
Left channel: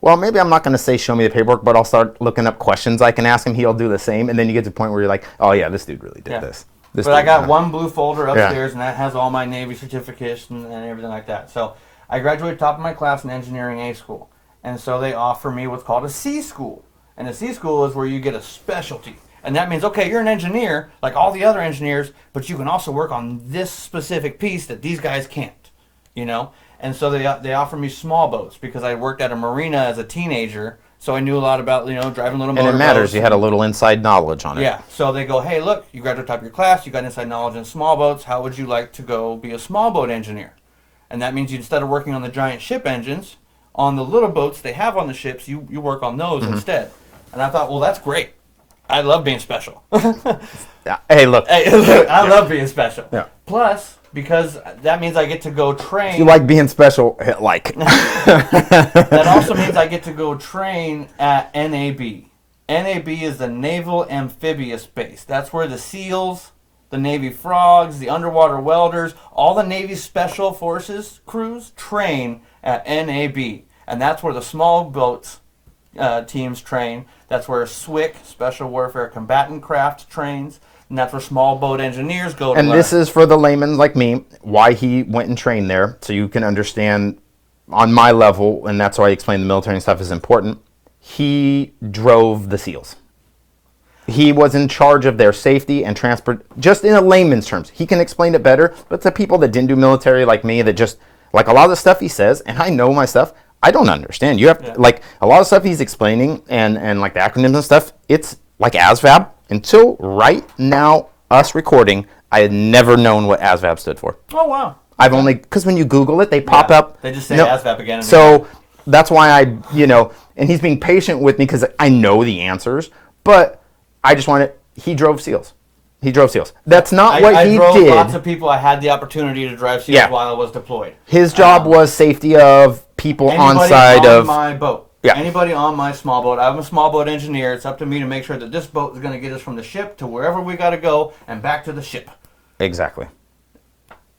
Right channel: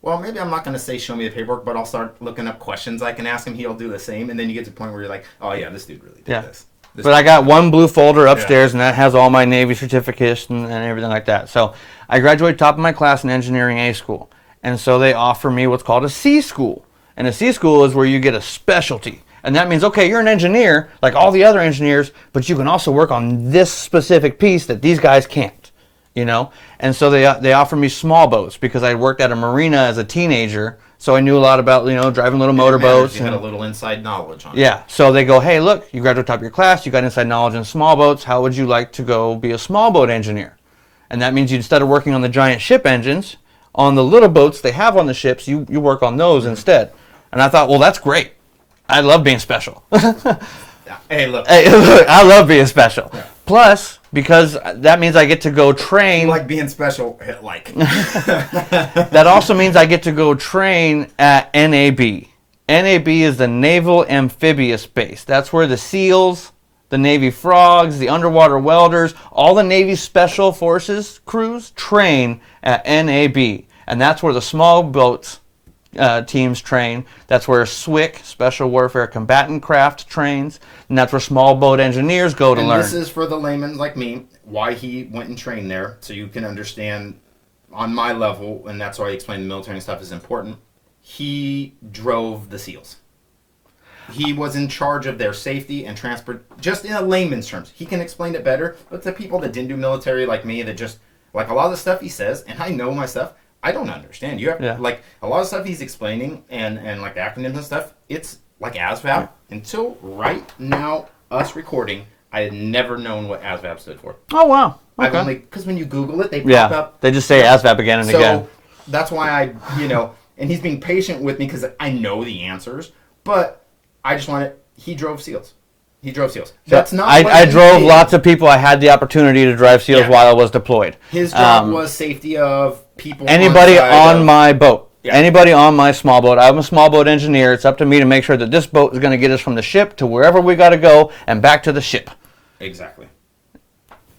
well, maybe I'm not going to say show me the paperwork, but I'll start looking up questions I can ask him. He'll do the same, and then you get to the point where you're like, oh yeah, this dude really did this. But I got one blue folder upstairs, and that has all my Navy certificates and everything like that. So I graduated top of my class in engineering A school. And so they offer me what's called a C school. And a C school is where you get a specialty. And that means, okay, you're an engineer like all the other engineers, but you can also work on this specific piece that these guys can't, And so they offer me small boats because I worked at a marina as a teenager. So I knew a lot about, driving little motorboats. You had a little inside knowledge on it. Yeah. So they go, hey, look, you graduated top of your class. You got inside knowledge in small boats. How would you like to go be a small boat engineer? And that means instead of working on the giant ship engines, on the little boats they have on the ships, you work on those instead. And I thought, well, that's great. I love being special. Hey, look. I love being special. Yeah. Plus, because that means I get to go train. You like being special, That also means I get to go train at NAB. NAB is the Naval Amphibious Base. That's where the SEALs the Navy frogs, the underwater welders, all the Navy Special Forces crews train at NAB. And that's where the small boats teams train. That's where SWCC, Special Warfare Combatant Craft, trains. And that's where small boat engineers go to learn. And this is for the layman like me, why he went and trained there, so you can understand on my level, and that's why I explained the military and stuff is important. He drove the SEALs. He was in charge of their safety and transport, just in a layman's terms. He can explain it better, but to people that didn't do military like me, that just, like a lot of the stuff he says, and I know my stuff, I don't understand. You have like a lot of stuff he's explaining and like the acronyms and stuff, it's like ASVAB. Until right now, us recording, I had never known what ASVAB stood for. Oh, wow. Okay. I've only, because when you Google it, they pop up. They just say ASVAB again and again. So that's why and he's being patient with me because I know the answers, but I just wanted, he drove SEALs. He drove SEALs. That's not what he did. I drove lots of people. I had the opportunity to drive SEAls while I was deployed. His job was safety of people anybody on my boat. Yeah. Anybody on my small boat. I'm a small boat engineer. It's up to me to make sure that this boat is going to get us from the ship to wherever we got to go and back to the ship. Exactly.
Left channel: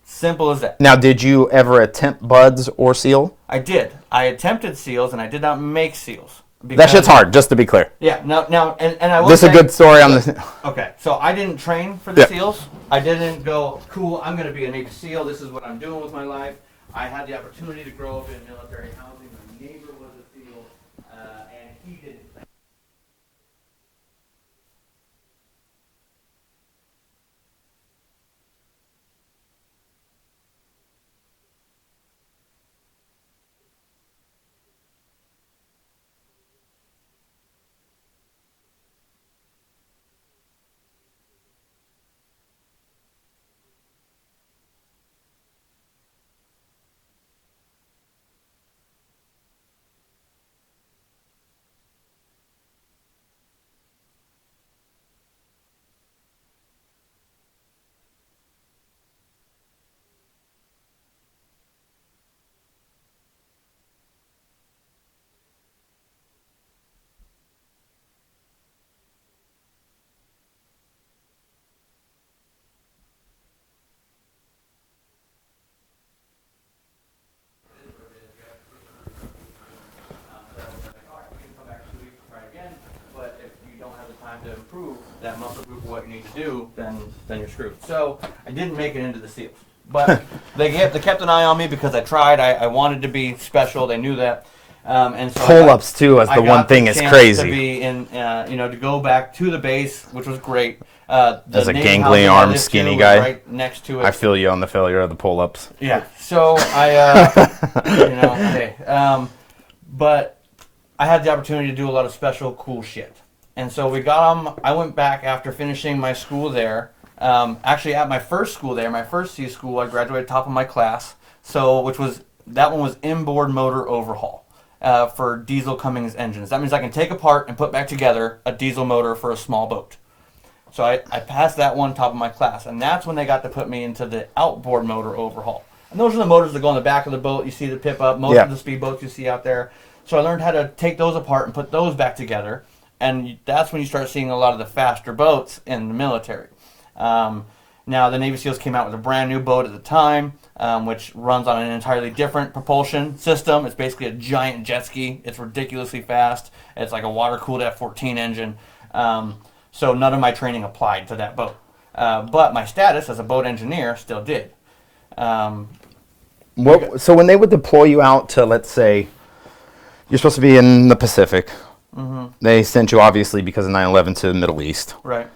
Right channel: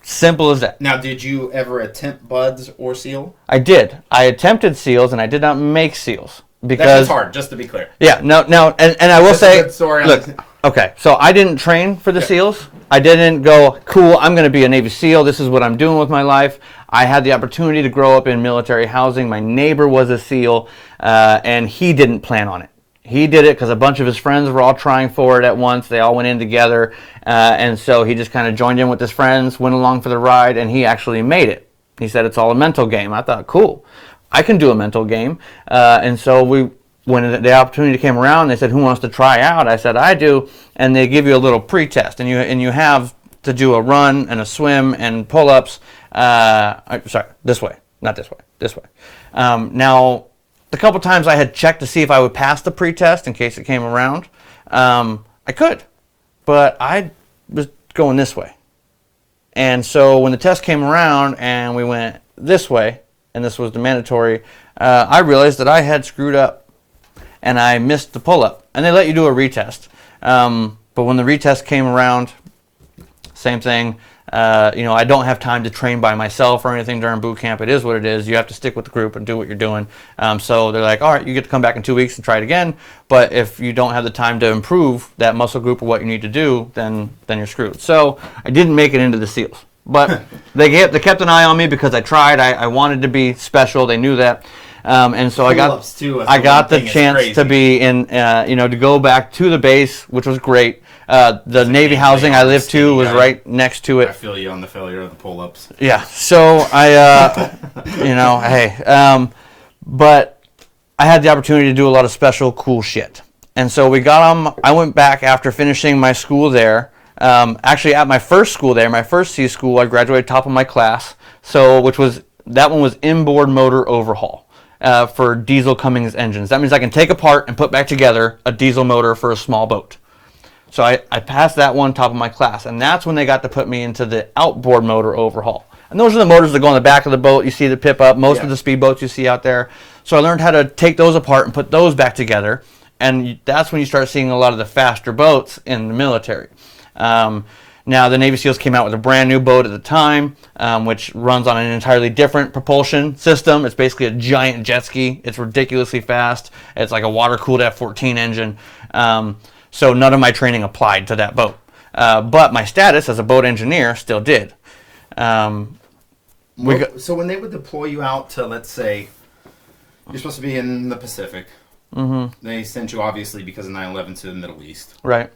Simple as that. Now, did you ever attempt BUDS or SEAL? I did. I attempted SEALs, and I did not make SEALs. That shit's hard, just to be clear. Yeah, no, and I will say... That's a good story. Okay, so I didn't train for the SEALs. I didn't go, cool, I'm going to be a Navy SEAL. This is what I'm doing with my life. I had the opportunity to grow up in military housing. My neighbor was a SEAL, and he didn't plan on it. He did it because a bunch of his friends were all trying for it at once. They all went in together, and so he just kind of joined in with his friends, went along for the ride, and he actually made it. He said it's all a mental game. I thought, cool, I can do a mental game. And so when the opportunity came around, they said, who wants to try out? I said, I do, and they give you a little pre-test, and you have to do a run and a swim and pull-ups. Sorry, this way, not this way, this way. Now, the couple times I had checked to see if I would pass the pre-test in case it came around, I could, but I was going this way. And so when the test came around and we went this way, and this was the mandatory, I realized that I had screwed up and I missed the pull-up. And they let you do a retest. But when the retest came around, same thing. I don't have time to train by myself or anything during boot camp. It is what it is. You have to stick with the group and do what you're doing. So they're like, all right, you get to come back in 2 weeks and try it again. But if you don't have the time to improve that muscle group or what you need to do, then you're screwed. So I didn't make it into the SEALs. But they kept an eye on me because I tried. I wanted to be special. They knew that. And so pull-ups too. I got the chance to be in, to go back to the base, which was great. The Navy housing I lived to was right next to it. I feel you on the failure of the pull-ups. Yeah. So I, but I had the opportunity to do a lot of special, cool shit. And so we got on. I went back after finishing my school there. Actually, at my first school there, my first sea school, I graduated top of my class. So, that one was inboard motor overhaul. For diesel Cummins engines. That means I can take apart and put back together a diesel motor for a small boat. So I passed that one top of my class, and that's when they got to put me into the outboard motor overhaul. And those are the motors that go on the back of the boat. You see the pip up, most of the speedboats you see out there. So I learned how to take those apart and put those back together, and that's when you start seeing a lot of the faster boats in the military. Now, the Navy SEALs came out with a brand new boat at the time, which runs on an entirely different propulsion system. It's basically a giant jet ski. It's ridiculously fast. It's like a water-cooled F-14 engine. So none of my training applied to that boat. But my status as a boat engineer still did. So when they would deploy you out to, let's say, you're supposed to be in the Pacific. Mm-hmm. They sent you, obviously, because of 9/11, to the Middle East. Right.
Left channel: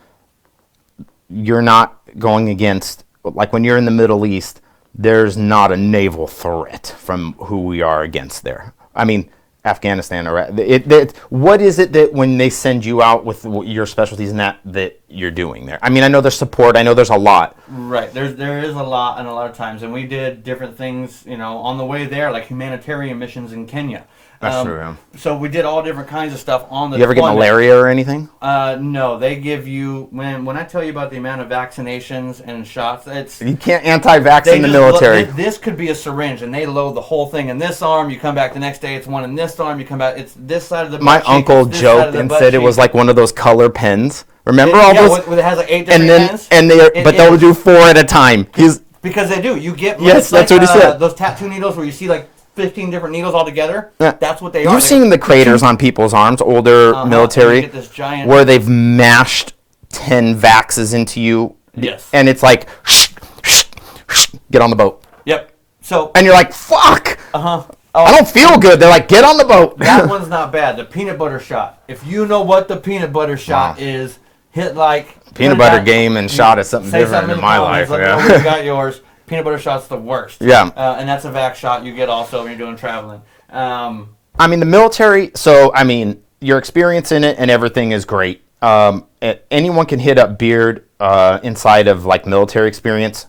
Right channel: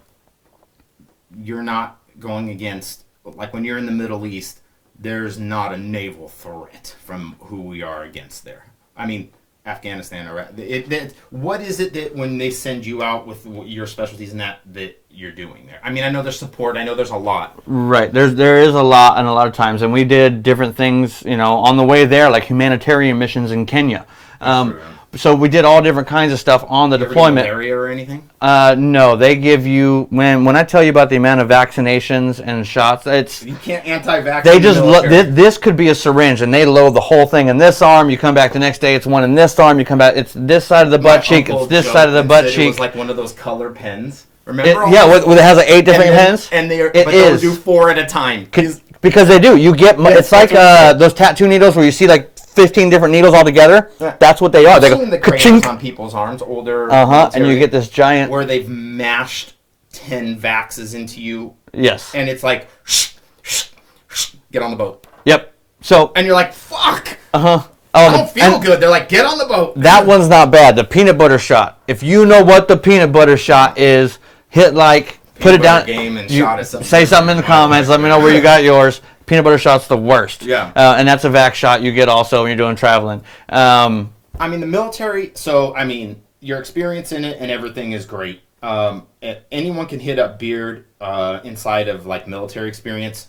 You're not going against, like when you're in the Middle East, there's not a naval threat from who we are against there. I mean, Afghanistan, Iraq. What is it that when they send you out with your specialties and that you're doing there? I mean, I know there's support. I know there's a lot. Right. There is a lot, and a lot of times, and we did different things, on the way there, like humanitarian missions in Kenya. That's true, yeah. So we did all different kinds of stuff on the deployment. You ever get malaria or anything? No, they give you, when I tell you about the amount of vaccinations and shots, you can't anti-vaccine in the military. This could be a syringe, and they load the whole thing in this arm. You come back the next day, it's one in this arm. You come back, it's this side of the butt cheek, it's this side of the butt cheek. It was like one of those color pens. Remember all those? It has like 8 different hands? But they'll do 4 at a time. Because they do. You get, it's like those tattoo needles where you see like 15 different needles all together. Yeah. That's what they are. You've seen the craters on people's arms, older military. And you get this giant... Where they've mashed 10 Vaxes into you. Yes. And it's like, get on the boat. Yep. And you're like, fuck. I don't feel good. They're like, get on the boat. That one's not bad. The peanut butter shot. If you know what the peanut butter shot is, hit like... Peanut butter game and shot is something. Say something in the comments. Let me know where you got yours. Peanut butter shot's the worst. Yeah. And that's a vax shot you get also when you're doing traveling. The military, your experience in it and everything is great. Anyone can hit up Beard inside of like military experience.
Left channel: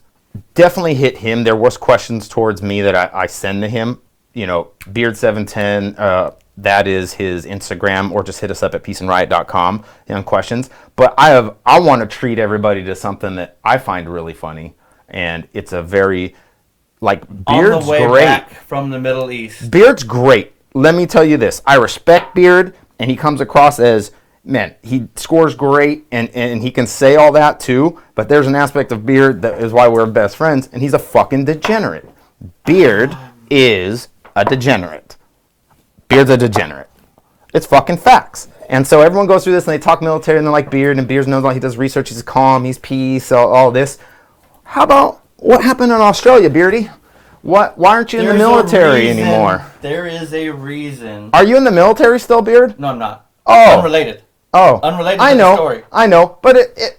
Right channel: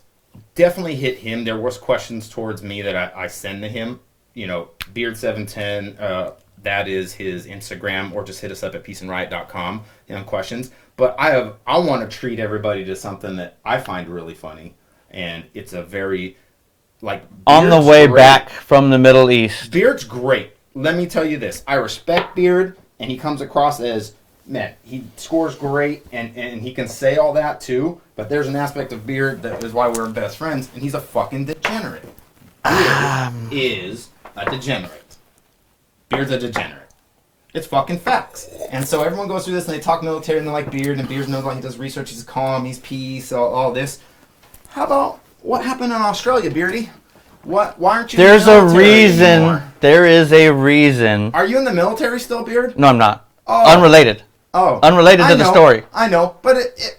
Definitely hit him. There was questions towards me that I send to him. Beard710, that is his Instagram, or just hit us up at peaceandriot.com on questions. But I want to treat everybody to something that I find really funny. And it's a very, Beard's on the way back from the Middle East. Beard's great. Let me tell you this. I respect Beard, and he comes across as, man, he scores great, and he can say all that too. But there's an aspect of Beard that is why we're best friends, and he's a fucking degenerate. Beard is a degenerate. Beard's a degenerate. It's fucking facts. And so everyone goes through this, and they talk military, and they're like Beard, and Beard's knows, like, he does research, he's calm, he's peace, all this. How about what happened in Australia, Beardy? Why aren't you in the military anymore? There is a reason. Are you in the military still, Beard? No, I'm not. Oh. Unrelated. Oh. Unrelated to the story. I know, but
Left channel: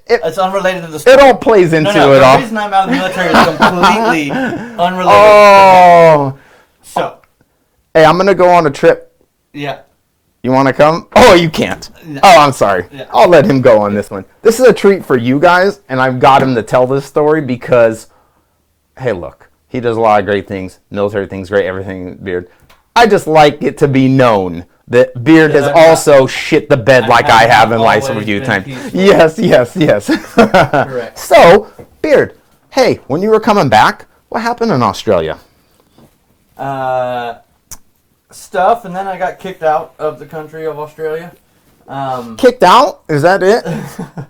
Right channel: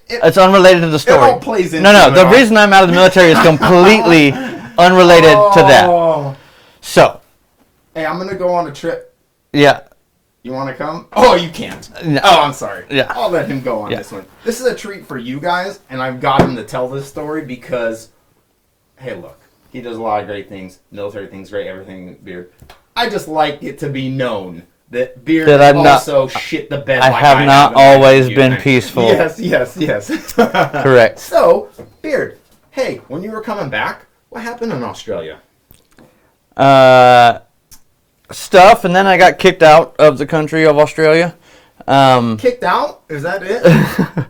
it's unrelated to the story. It all plays into it. No, the reason I'm out of the military is completely unrelated to that. So. Hey, I'm going to go on a trip. Yeah. You want to come? Oh, you can't. No. Oh, I'm sorry. Yeah. I'll let him go on this one. This is a treat for you guys, and I've got him to tell this story because, hey, look, he does a lot of great things. Military things, great, everything, Beard. I just like it to be known that Beard has also shit the bed like I have in life. Always been peaceful. Yes. Correct. So, Beard, hey, when you were coming back, what happened in Australia? Stuff, and then I got kicked out of the country of Australia. Kicked out? Is that it?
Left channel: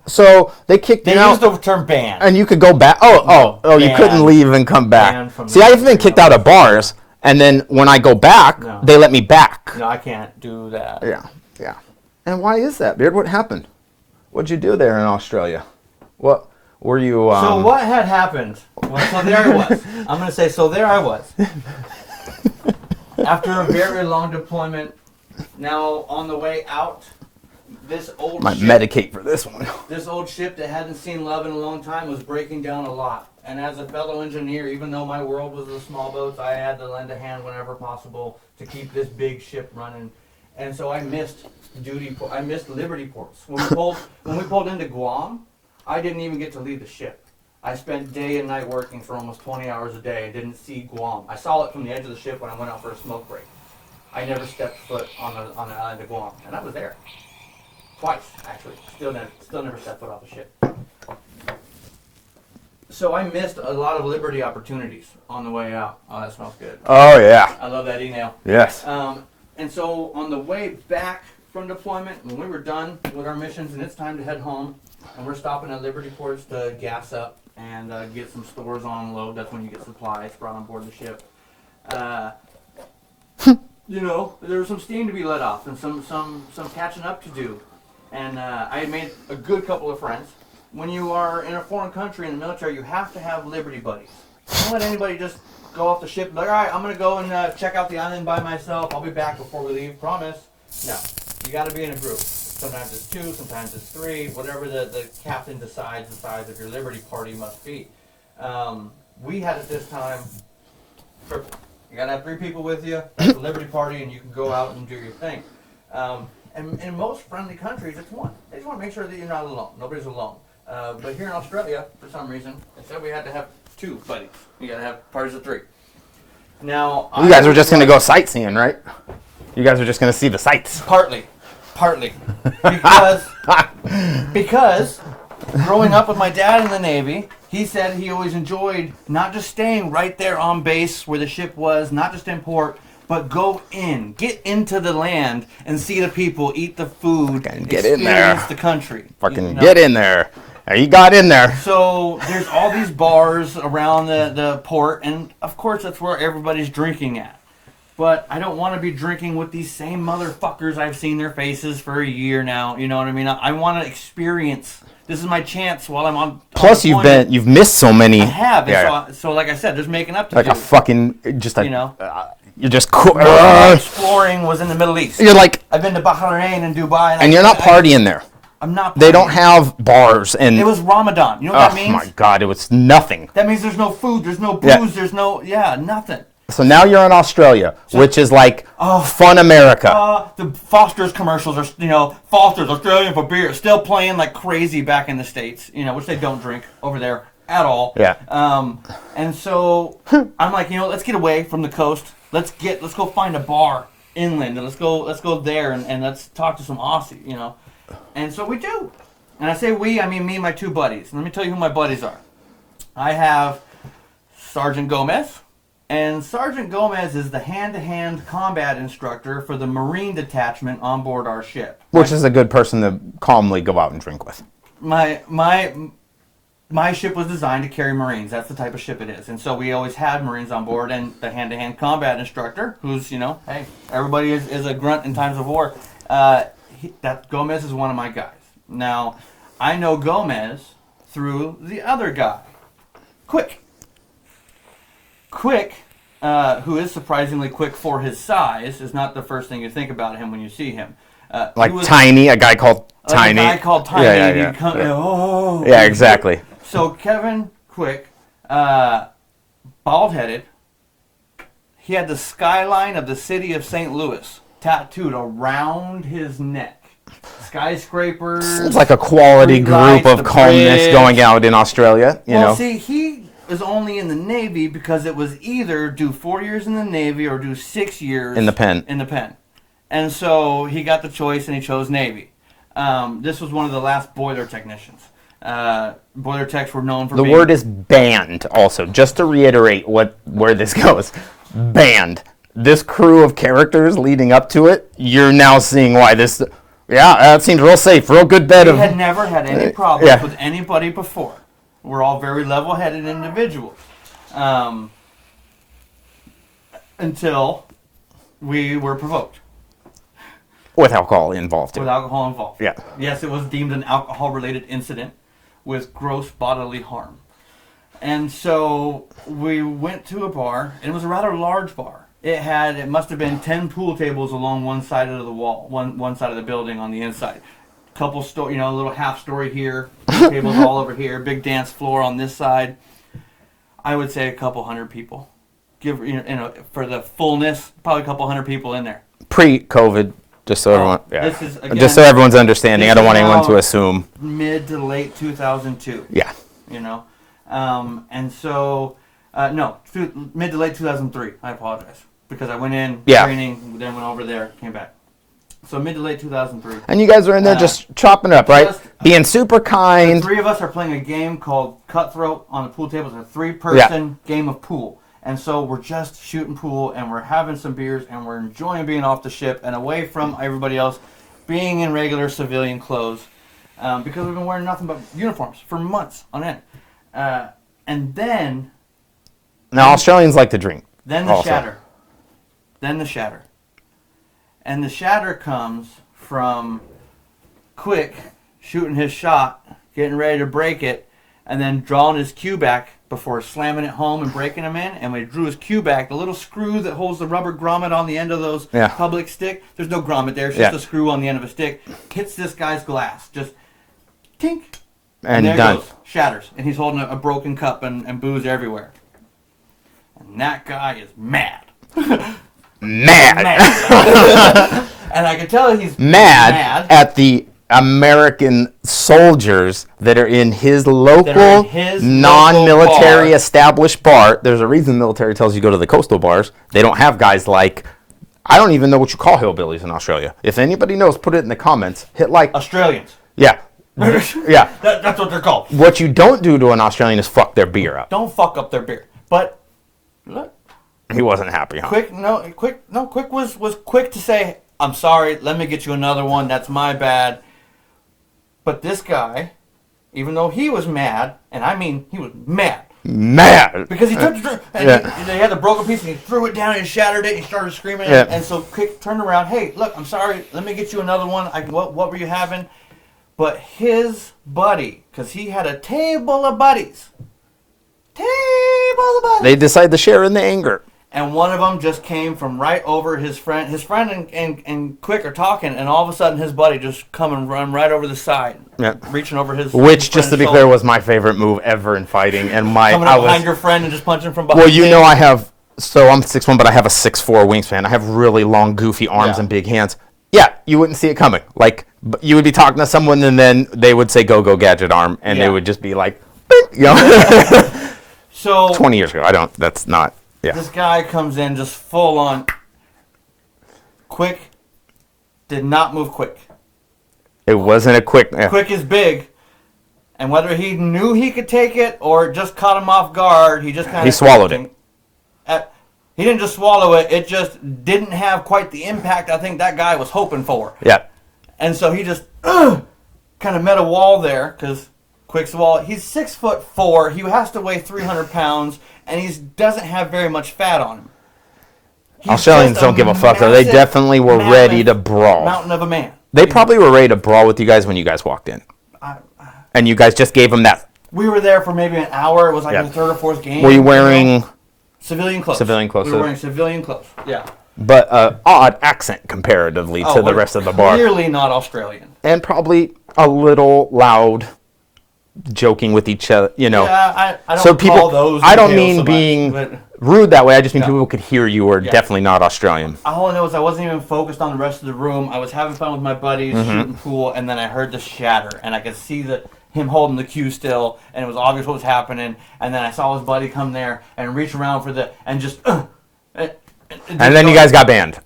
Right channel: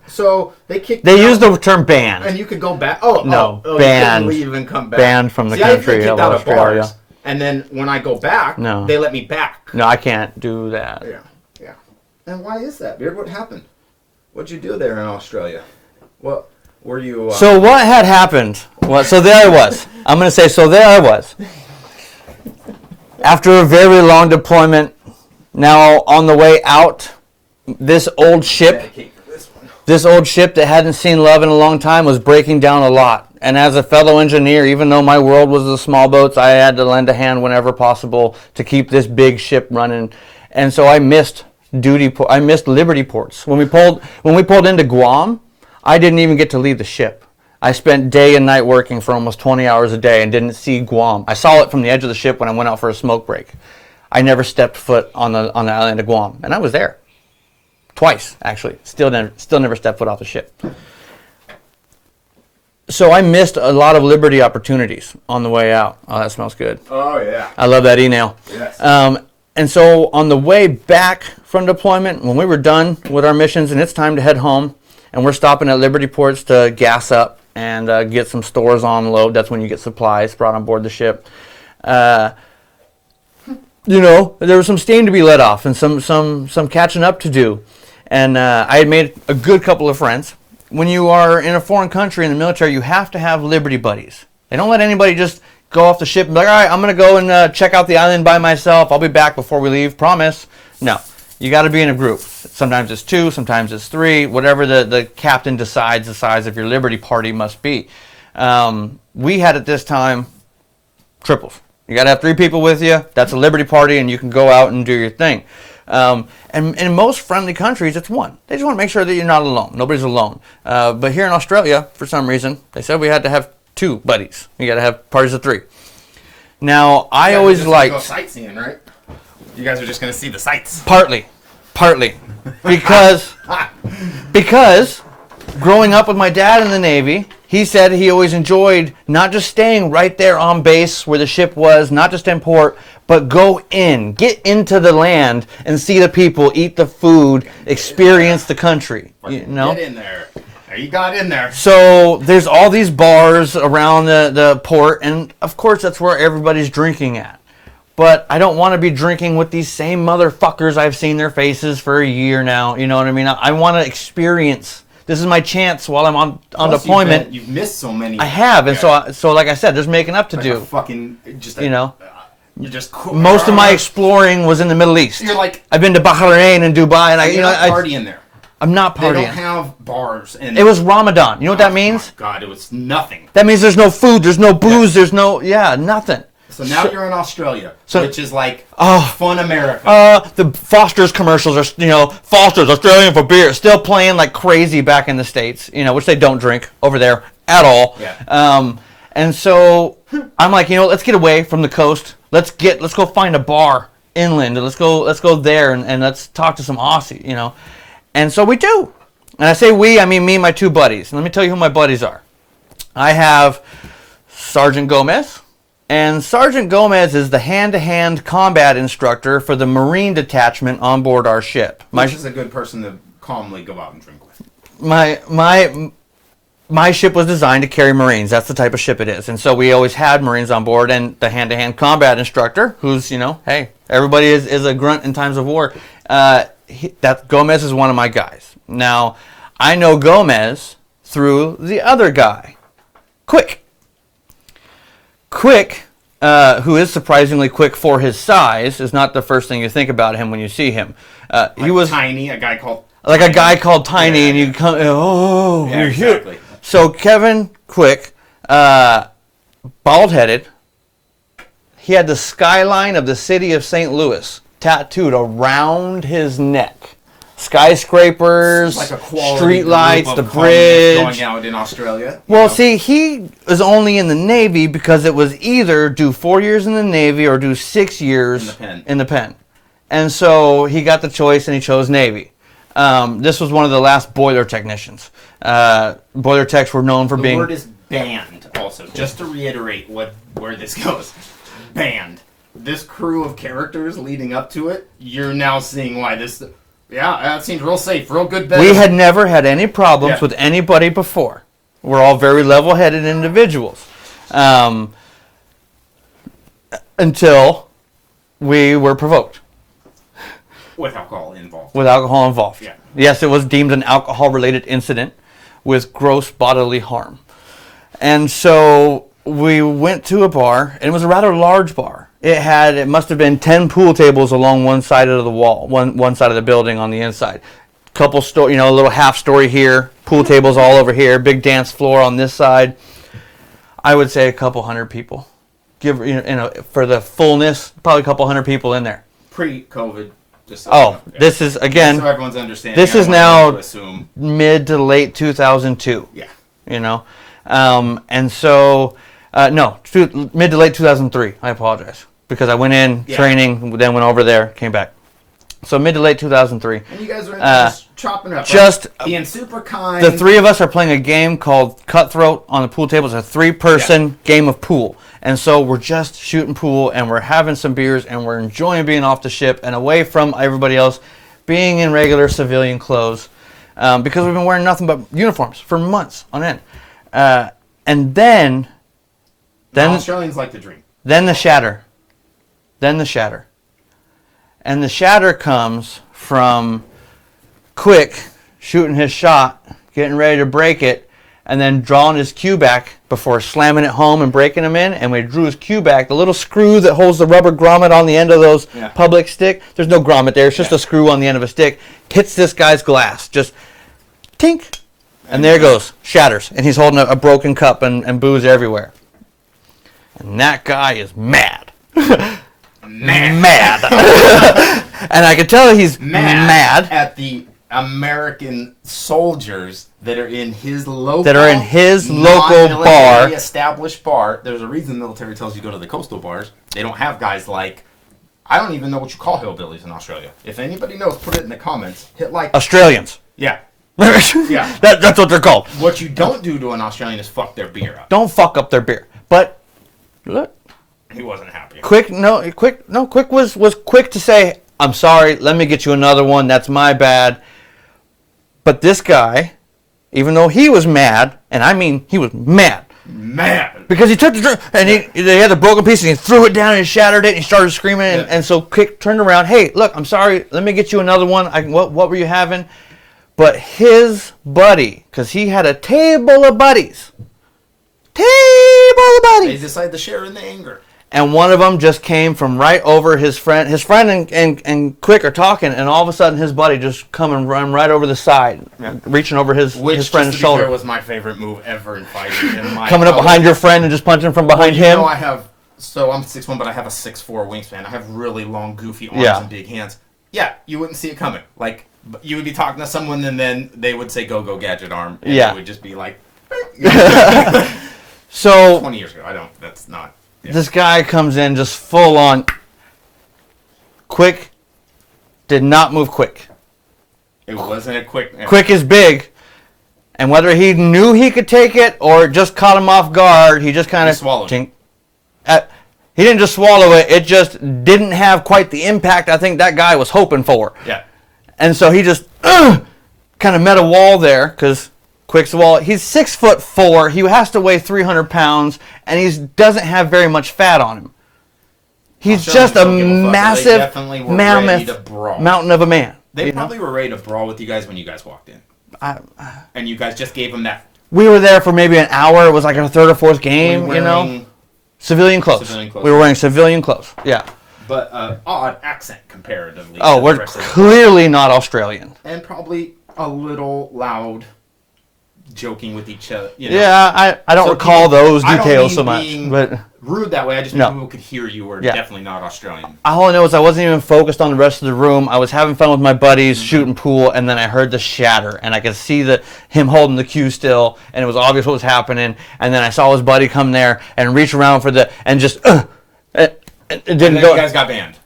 So they kicked. They used the term banned, and you could go back. No, you couldn't leave and come back. Banned from the country. See, I've been kicked out of bars, and then when I go back, they let me back. No, I can't do that. Yeah. And why is that, Beard? What happened? What'd you do there in Australia? What were you? So what had happened? So there I was. I'm gonna say so. There I was. After a very long deployment, now on the way out, this old ship. Medicate for this one. This old ship that hadn't seen love in a long time was breaking down a lot. And as a fellow engineer, even though my world was the small boats, I had to lend a hand whenever possible to keep this big ship running. And so I missed I missed Liberty ports. When we pulled into Guam, I didn't even get to leave the ship. I spent day and night working for almost 20 hours a day and didn't see Guam. I saw it from the edge of the ship when I went out for a smoke break. I never stepped foot on the island of Guam, and I was there twice, actually. Still never stepped foot off the ship. So I missed a lot of Liberty opportunities on the way out. Oh, that smells good. Oh yeah, I love that email. Yes. And so on the way back from deployment, when we were done with our missions and it's time to head home, and we're stopping at Liberty ports to gas up and get some stores on load. That's when you get supplies brought on board the ship. There was some steam to be let off and some catching up to do. And I had made a good couple of friends. When you are in a foreign country in the military, you have to have Liberty buddies. They don't let anybody just go off the ship and be like, all right, I'm going to go and check out the island by myself. I'll be back before we leave. Promise. No. You got to be in a group. Sometimes it's 2, sometimes it's 3, whatever the captain decides the size of your Liberty party must be. We had at this time triples. You got to have 3 people with you. That's a Liberty party, and you can go out and do your thing. And in most friendly countries, it's 1. They just want to make sure that you're not alone. Nobody's alone. But here in Australia, for some reason, they said we had to have 2 buddies. You got to have parties of 3. Now, you guys are just going to go sightseeing, right? You guys are just going to see the sights. Partly. Because growing up with my dad in the Navy, he said he always enjoyed not just staying right there on base where the ship was, not just in port, but go get into the land and see the people, eat the food, experience the country. Fucking get in there. You got in there. So there's all these bars around the port, and of course that's where everybody's drinking at. But I don't want to be drinking with these same motherfuckers. I've seen their faces for a year now. You know what I mean? I want to experience. This is my chance while I'm on deployment. You've missed so many. I have, and so like I said, there's making up to like do. A fucking just like, you're just cool. Most of my exploring was in the Middle East. You're like, I've been to Bahrain and Dubai, and you're not partying there. I'm not partying. They don't have bars, and it was Ramadan. You know what that means? Oh my God, it was nothing. That means there's no food, there's no booze, there's no nothing. So now you're in Australia, which is like fun America. The Foster's commercials are, Foster's Australian for beer, still playing like crazy back in the States, which they don't drink over there at all. Yeah. And so I'm like, let's get away from the coast. Let's go find a bar inland, and let's go there and let's talk to some Aussie, And so we do. And I say we, I mean me and my two buddies. And let me tell you who my buddies are. I have Sergeant Gomez. And Sergeant Gomez is the hand-to-hand combat instructor for the Marine detachment on board our ship. Which is a good person to calmly go out and drink with. My ship was designed to carry Marines. That's the type of ship it is. And so we always had Marines on board, and the hand-to-hand combat instructor, who's, hey, everybody is a grunt in times of war. Gomez is one of my guys. Now, I know Gomez through the other guy, Quick. Quick, who is surprisingly quick for his size, is not the first thing you think about him when you see him. He was tiny, a guy called Tiny. A guy called Tiny, and you come, Yeah, exactly. So Kevin Quick, bald-headed, he had the skyline of the city of St. Louis tattooed around his neck. Skyscrapers. It's like a quality group of columnists going out in Australia. See, he was only in the Navy because it was either do 4 years in the Navy or do 6 years in the pen. And so he got the choice and he chose Navy. This was one of the last boiler technicians. Boiler techs were known for being... The word is banned also, just to reiterate where this goes. Banned. This crew of characters leading up to it, you're now seeing why this... Yeah, that seems real safe, real good bet. We had never had any problems with anybody before. We're all very level-headed individuals. Until we were provoked. With alcohol involved. With alcohol involved. Yeah. Yes, it was deemed an alcohol-related incident with gross bodily harm. And so we went to a bar, and it was a rather large bar. It must have been 10 pool tables along one side of the wall, one side of the building on the inside. Couple story, a little half story here, pool tables all over here, big dance floor on this side. I would say a couple hundred people. For the fullness, probably a couple hundred people in there. Pre-COVID, just so this is again just so everyone's understanding. I don't want anyone to assume mid to late 2002. Yeah. And so mid to late 2003. I apologize. Because I went in training, then went over there, came back. So mid to late 2003. And you guys are in there just chopping it up, right? Being super kind. The three of us are playing a game called Cutthroat on the pool table. It's a 3-person game of pool. And so we're just shooting pool, and we're having some beers, and we're enjoying being off the ship and away from everybody else, being in regular civilian clothes, because we've been wearing nothing but uniforms for months on end. And then Australians like to drink. Then the shatter. And the shatter comes from Quick shooting his shot, getting ready to break it, and then drawing his cue back before slamming it home and breaking him in. And we drew his cue back, the little screw that holds the rubber grommet on the end of those public stick. There's no grommet there. It's just a screw on the end of a stick. Hits this guy's glass. Just tink. And there it goes. Shatters. And he's holding a broken cup and booze everywhere. And that guy is mad. Mad. And I can tell he's mad at the American soldiers that are in his local, non-military established bar. There's a reason the military tells you to go to the coastal bars. They don't have guys like, I don't even know what you call hillbillies in Australia. If anybody knows, put it in the comments. Hit like Australians. Yeah. Yeah. That's what they're called. What you don't do to an Australian is fuck their beer up. Don't fuck up their beer. But look. He wasn't happy. Quick was quick to say, I'm sorry, let me get you another one, that's my bad. But this guy, even though he was mad, and I mean he was mad. Because he took the drink, and he had the broken piece, and he threw it down, and he shattered it, and he started screaming, and so Quick turned around, hey, look, I'm sorry, let me get you another one. What were you having? But his buddy, because he had a table of buddies. They decided to share in the anger. And one of them just came from right over his friend. His friend and Quick are talking, and all of a sudden his buddy just come and run right over the side, reaching over his Which, friend's just to be shoulder. clear, was my favorite move ever in fighting. And Coming up behind your friend and just punching from behind him. Well, you know I have, so I'm 6'1", but I have a 6'4" wingspan. I have really long, goofy arms and big hands. Yeah, you wouldn't see it coming. Like, you would be talking to someone, and then they would say, go, gadget arm, and they would just be like, So 20 years ago, that's not. Yeah. This guy comes in just full on. Quick did not move quick. It wasn't a quick. Quick is big, and whether he knew he could take it or just caught him off guard, he just kind of swallowed it. He didn't just swallow it; it just didn't have quite the impact I think that guy was hoping for. Yeah. And so he just kind of met a wall there because Quick's wall. He's 6'4". He has to weigh 300 pounds, and he doesn't have very much fat on him. He's just a massive, they definitely were ready to brawl. Mountain of a man. They probably were ready to brawl with you guys when you guys walked in. And you guys just gave them that. We were there for maybe an hour. It was like our third or fourth game. Were you wearing civilian clothes? Civilian clothes. We were wearing civilian clothes. Yeah. But odd accent comparatively to the rest of the bar. Clearly not Australian. And probably a little loud, joking with each other. Yeah, I don't recall those details. I don't mean so being but rude that way. I just mean people could hear you were definitely not Australian. All I know is I wasn't even focused on the rest of the room. I was having fun with my buddies, shooting pool, and then I heard the shatter, and I could see him holding the cue still, and it was obvious what was happening. And then I saw his buddy come there and reach around for and just. And then you guys got banned,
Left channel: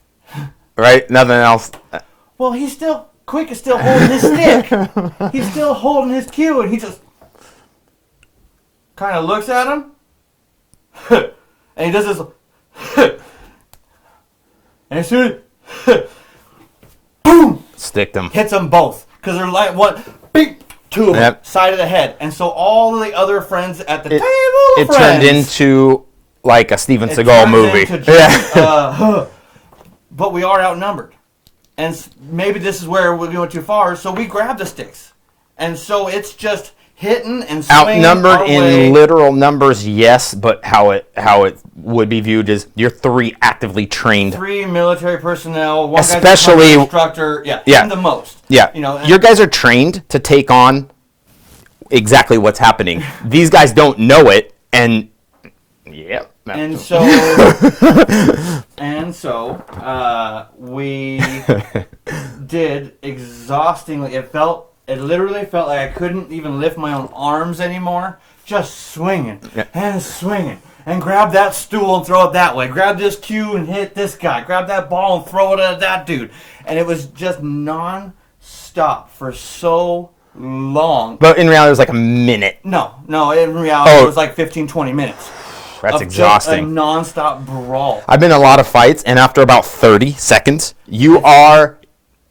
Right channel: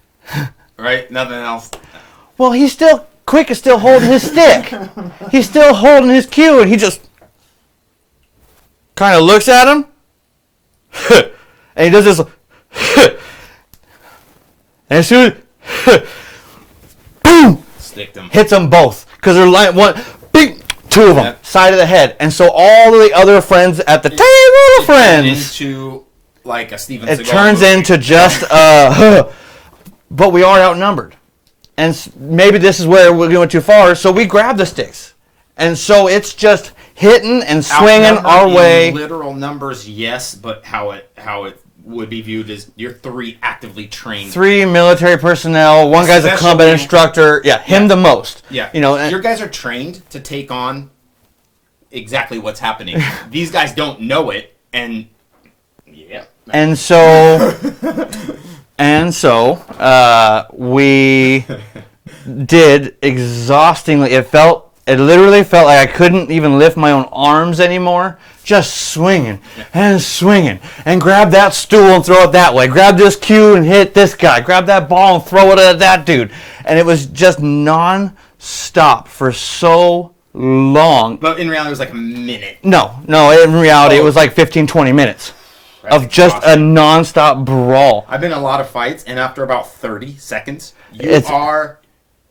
right? Nothing else. Well, Quick is still holding his stick. He's still holding his cue, and he just kind of looks at him, and he does this, and as soon as boom, sticked them, hits them both because they're like two of them side of the head, and so all of the other friends at the table, turned into like a Steven Seagal movie. It turns into just, but we are outnumbered. And maybe this is where we're going too far, so we grab the sticks. And so it's just hitting and swinging our way. In literal numbers, yes, but how it would be viewed is you're 3 actively trained. 3 military personnel, one guy's a combat instructor, him the most. Yeah, your guys are trained to take on exactly what's happening. These guys don't know it, and And so, we did exhaustingly. It literally felt like I couldn't even lift my own arms anymore. Just swinging and grab that stool and throw it that way. Grab this cue and hit this guy. Grab that ball and throw it at that dude. And it was just non-stop for so long. But in reality, it was like a minute. No, in reality, it was like 15, 20 minutes. That's of just a non-stop brawl. I've been in a lot of fights, and after about 30 seconds,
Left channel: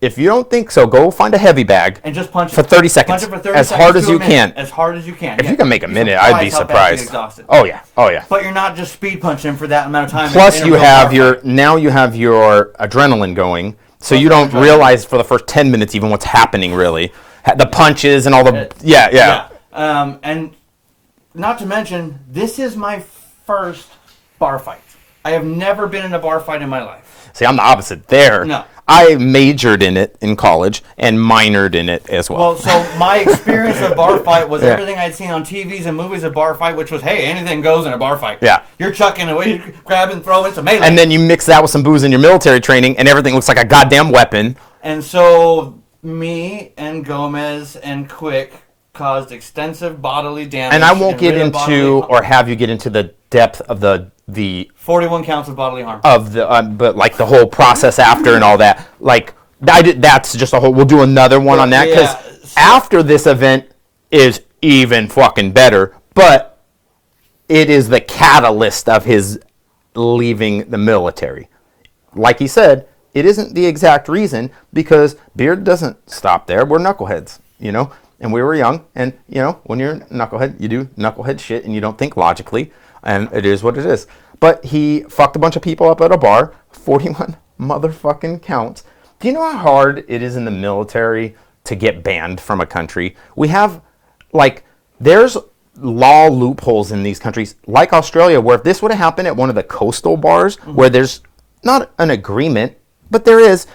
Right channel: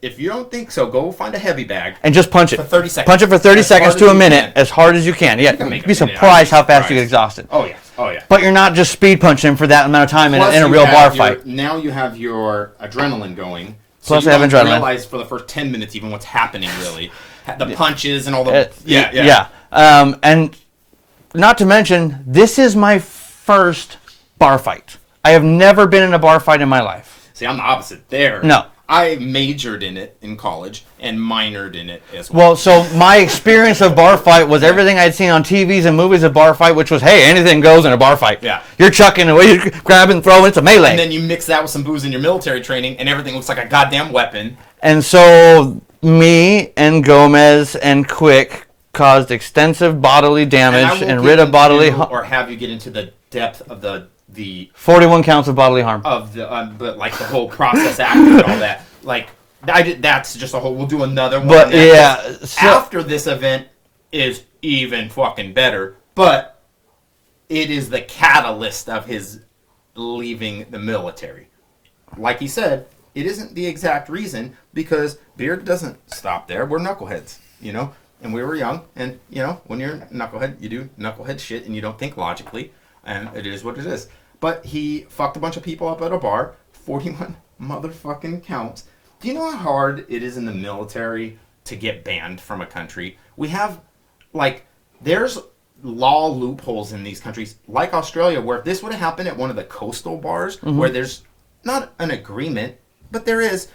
if you don't think so, go find a heavy bag. And just punch it. For 30 seconds. Punch it for 30 seconds to a minute. As hard as you can. If you can make a minute, I'd be surprised how fast you get exhausted. Oh, yeah. But you're not just speed punching for that amount of time in a real bar fight. Now you have your adrenaline going, so you don't realize for the first 10 minutes even what's happening, really. The punches and all the... Yeah. And not to mention, this is my first bar fight. I have never been in a bar fight in my life. See, I'm the opposite there. No. I majored in it in college and minored in it as well. Well, so my experience of bar fight was everything I'd seen on TVs and movies of bar fight, which was, hey, anything goes in a bar fight. Yeah. You're chucking away, you're grabbing, throwing, it's a melee. And then you mix that with some booze in your military training, and everything looks like a goddamn weapon. And so me and Gomez and Quick caused extensive bodily damage. And I won't get into or have you get into the depth of the 41 counts of bodily harm of the but like the whole process after and all that. Like that's just a whole. We'll do another one on that. Yeah. So after this event is even fucking better, but it is the catalyst of his leaving the military. Like he said, it isn't the exact reason, because beard doesn't stop there. We're knuckleheads, you know? And we were young, and, you know, when you're a knucklehead, you do knucklehead shit, and you don't think logically, and it is what it is. But he fucked a bunch of people up at a bar, 41 motherfucking counts. Do you know how hard it is in the military to get banned from a country? We have, like, there's law loopholes in these countries, like Australia, where if this would have happened at one of the coastal bars, where there's not an agreement, but there is,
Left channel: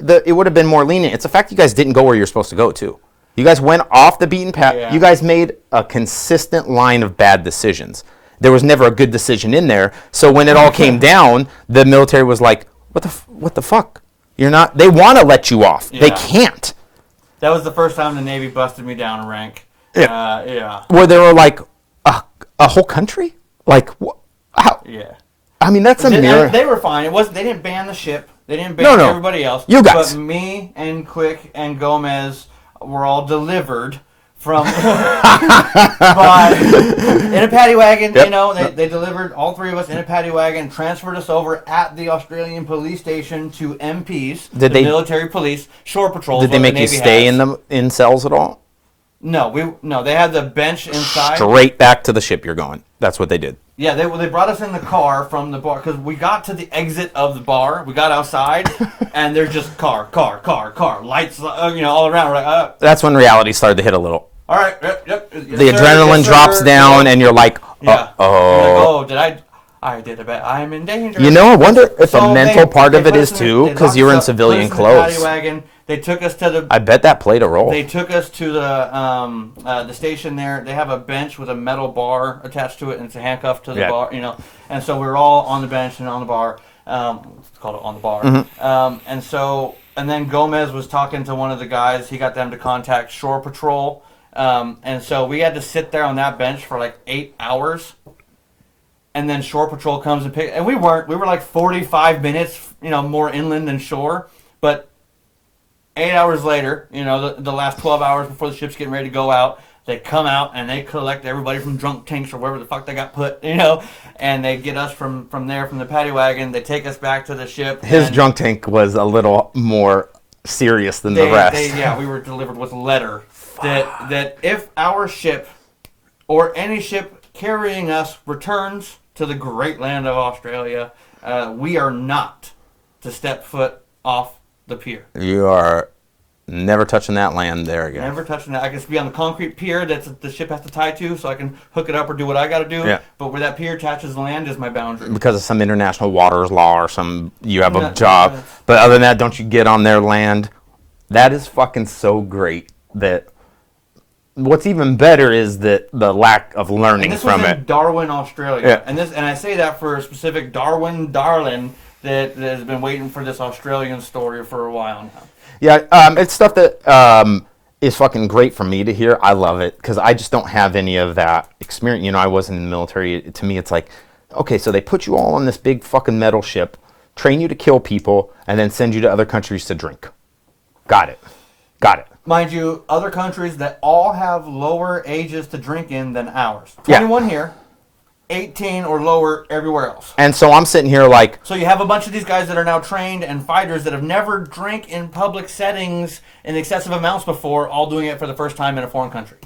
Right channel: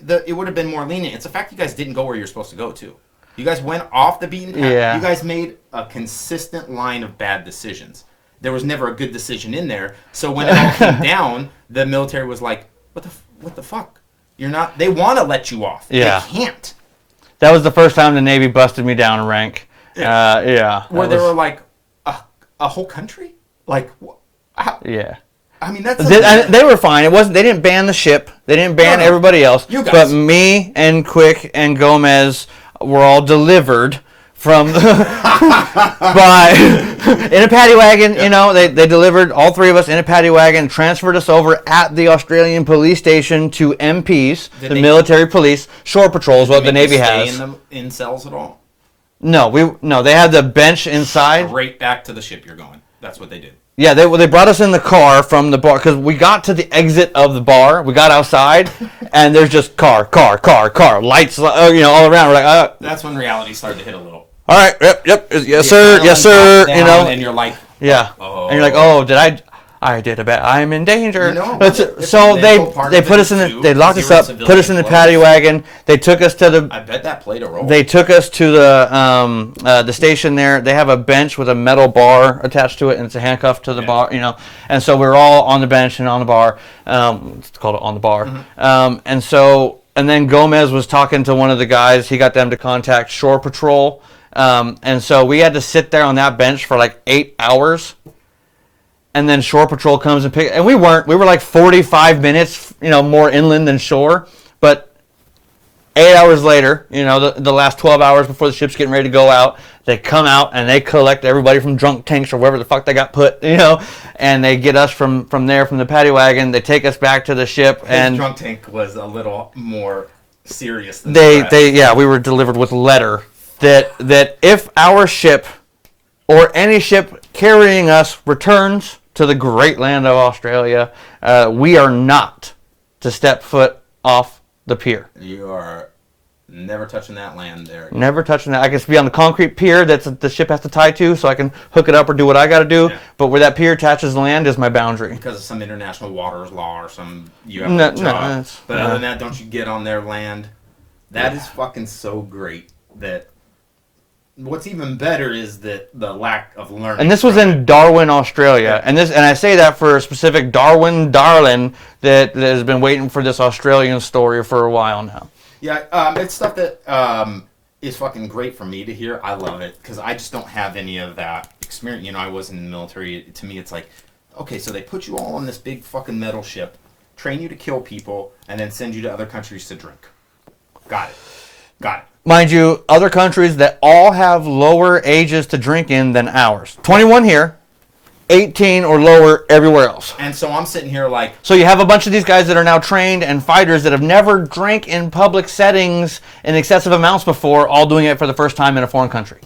it would have been more lenient. It's the fact you guys didn't go where you're supposed to go to. You guys went off the beaten path. Yeah. You guys made a consistent line of bad decisions. There was never a good decision in there. So when it all came down, the military was like, what the fuck? You're not, they want to let you off. Yeah. They can't. That was the first time the Navy busted me down a rank. Yeah. Where they were like, a whole country? Like, how? Yeah. I mean, that's they were fine. It wasn't. They didn't ban the ship. They didn't ban everybody else. You guys. But me and Quick and Gomez were all delivered from by in a paddy wagon. Yep. You know, they delivered all three of us in a paddy wagon, transferred us over at the Australian police station to MPs, military police, shore patrols. Did they make the Navy stay in cells at all? No, they had the bench inside. Straight back to the ship you're going. That's what they did. Yeah, they brought us in the car from the bar, because we got to the exit of the bar. We got outside, and there's just car, lights, you know, all around. We're like, that's when reality started to hit a little. All right, yep, yes, the sir, adrenaline drops down, and you're like, yeah. And you're like, oh, I did a bad. I'm in danger. You know, I wonder if a mental part of it is too, because you're in civilian clothes. Put us in the paddy wagon. They took us to the. I bet that played a role. They took us to the station there. They have a bench with a metal bar attached to it, and it's a handcuff to the bar. You know, and so we were all on the bench and on the bar. It's called on the bar. Mm-hmm. And then Gomez was talking to one of the guys. He got them to contact Shore Patrol, and so we had to sit there on that bench for like 8 hours. And then Shore Patrol comes and and we were like 45 minutes, you know, more inland than shore. But 8 hours later, you know, the last 12 hours before the ship's getting ready to go out, they come out and they collect everybody from drunk tanks or wherever the fuck they got put, you know, and they get us from there, from the paddy wagon. They take us back to the ship. His drunk tank was a little more serious than the rest. We were delivered with a letter that if our ship or any ship carrying us returns to the great land of Australia, we are not to step foot off the pier. You are never touching that land there again. Never touching that. I can be on the concrete pier that the ship has to tie to, so I can hook it up or do what I got to do. Yeah. But where that pier attaches the land is my boundary. Because of some international waters law or you have a job. But other than that, don't you get on their land. That is fucking so great that... What's even better is the lack of learning. And this was in Darwin, Australia. Yeah. And I say that for a specific Darwin darling that has been waiting for this Australian story for a while now. Yeah, it's stuff that is fucking great for me to hear. I love it because I just don't have any of that experience. You know, I was in the military. To me, it's like, okay, so they put you all on this big fucking metal ship, train you to kill people, and then send you to other countries to drink. Got it. Mind you, other countries that all have lower ages to drink in than ours. 21 here, 18 or lower everywhere else. And so I'm sitting here like... So you have a bunch of these guys that are now trained and fighters that have never drank in public settings in excessive amounts before, all doing it for the first time in a foreign country.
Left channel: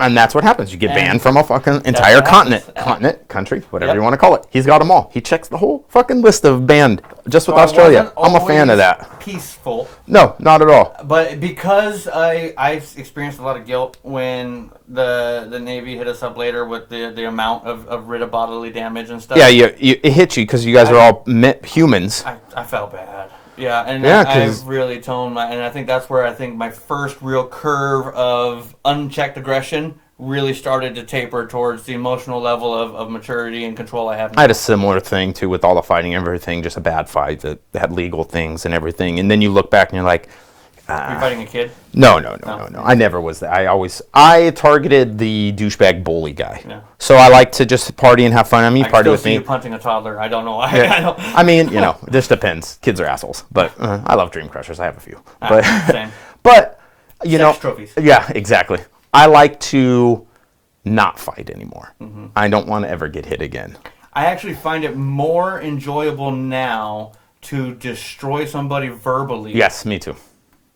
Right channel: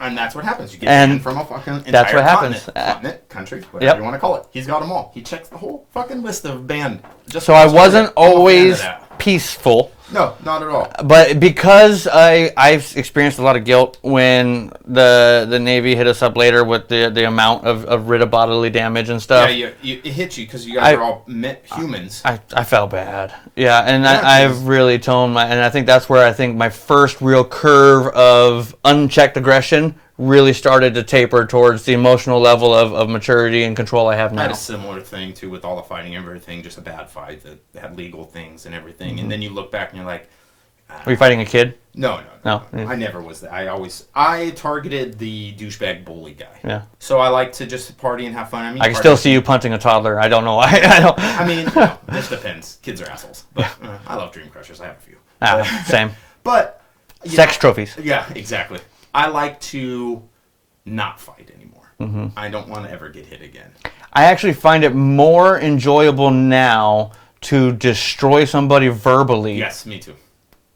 And that's what happens. You get banned from a fucking entire continent, country, whatever you want to call it. He's got them all. He checks the whole fucking list of banned. Just so I wasn't always a fan of that. Peaceful. No, not at all. But because I've experienced a lot of guilt when the Navy hit us up later with the amount of writ of bodily damage and stuff. Yeah, it hits you because you guys are all humans. I felt bad. Yeah, and I've really toned and I think that's where I think my first real curve of unchecked aggression really started to taper towards the emotional level of maturity and control I have now. I had a similar thing too with all the fighting and everything, just a bad fight that had legal things and everything. And then you look back and you're like, Are you fighting a kid? No. I never was that. I targeted the douchebag bully guy. Yeah. So I like to just party and have fun. I can still see you punting a toddler. I don't know why. Yeah. I mean, this depends. Kids are assholes, but I love dream crushers. I have a few. Same. But sex trophies. Yeah, exactly. I like to not fight anymore. Mm-hmm. I don't want to ever get hit again. I actually find it more enjoyable now to destroy somebody verbally. Yes, me too.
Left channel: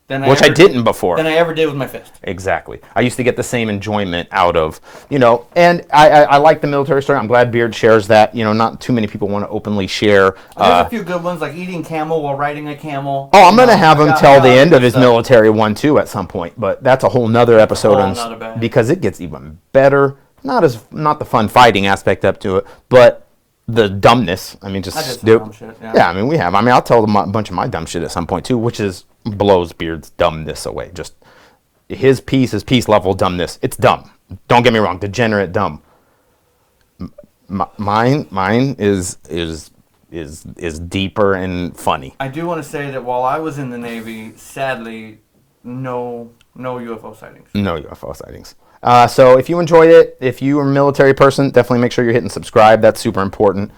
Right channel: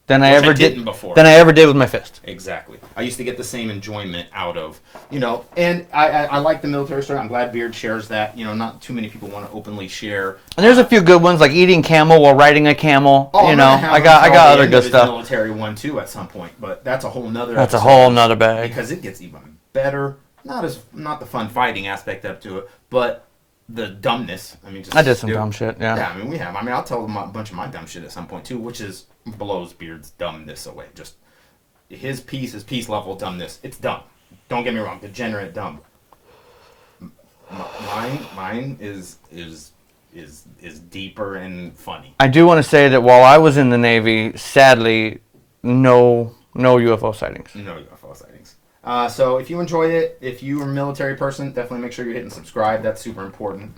Than Which I didn't before. Than I ever did with my fist. Exactly. I used to get the same enjoyment out of, and I like the military story. I'm glad Beard shares that. Not too many people want to openly share. And there's a few good ones, like eating camel while riding a camel. Oh, I'm going to have him tell the end of his military one, too, at some point. But that's a whole nother episode. That's a whole nother bag. Because it gets even better. Not the fun fighting aspect up to it, but the dumbness. I did some dumb shit, yeah. Yeah, we have. I'll tell them a bunch of my dumb shit at some point, too, which blows Beard's dumbness away. Just his peace level dumbness. It's dumb. Don't get me wrong. Degenerate dumb. Mine is deeper and funny. I do want to say that while I was in the Navy, sadly, no UFO sightings. No UFO sightings. So if you enjoyed it, if you are a military person, definitely make sure you're hitting subscribe. That's super important.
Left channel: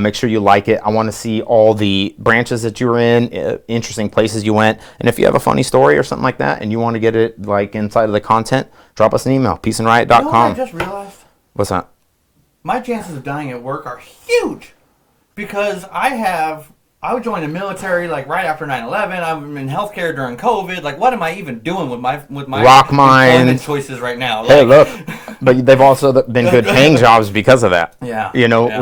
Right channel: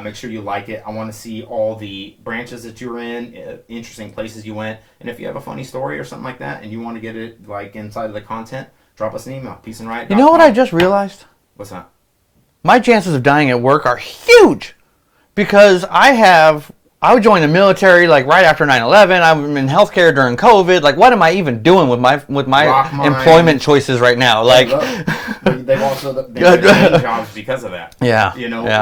Make sure you like it. I want to see all the branches that you were in, interesting places you went. And if you have a funny story or something like that and you want to get it like inside of the content, drop us an email, peaceandriot.com. You know what I just realized? What's that? My chances of dying at work are huge because I would join the military like right after 9/11. I'm in healthcare during COVID. Like, what am I even doing with my employment choices right now? Like, hey, look, but they've also been good paying jobs because of that. Yeah.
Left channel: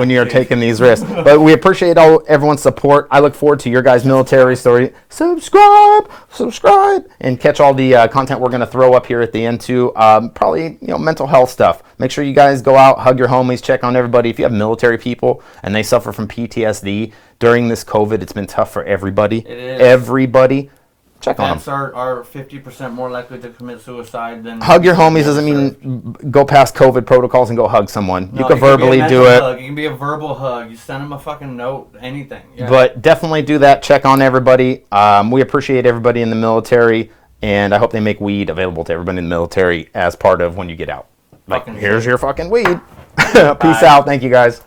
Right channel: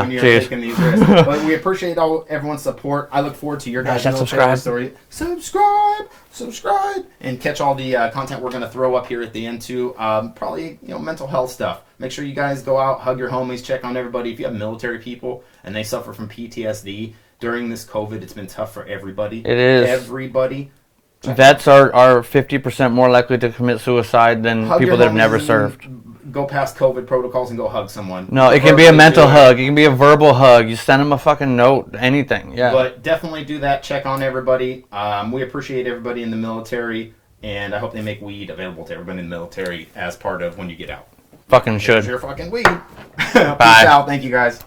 When you're taking these risks. But we appreciate everyone's support. I look forward to your guys' military story. Subscribe, and catch all the content we're going to throw up here at the end too. Probably mental health stuff. Make sure you guys go out, hug your homies, check on everybody. If you have military people and they suffer from PTSD. During this COVID, it's been tough for everybody. It is. Everybody. Vets are 50% more likely to commit suicide than hug people your homies that never doesn't served. mean go past COVID protecols and go hug someone. No, it can be a mental hug. It can be a verbal hug. You send them a fucking note, anything. Yeah. But definitely do that. Check on everybody. We appreciate everybody in the military, and I hope they make weed available to everybody in the military as part of when you get out. Fucking Here's sure. your fucking weed. Peace out. Thank you, guys.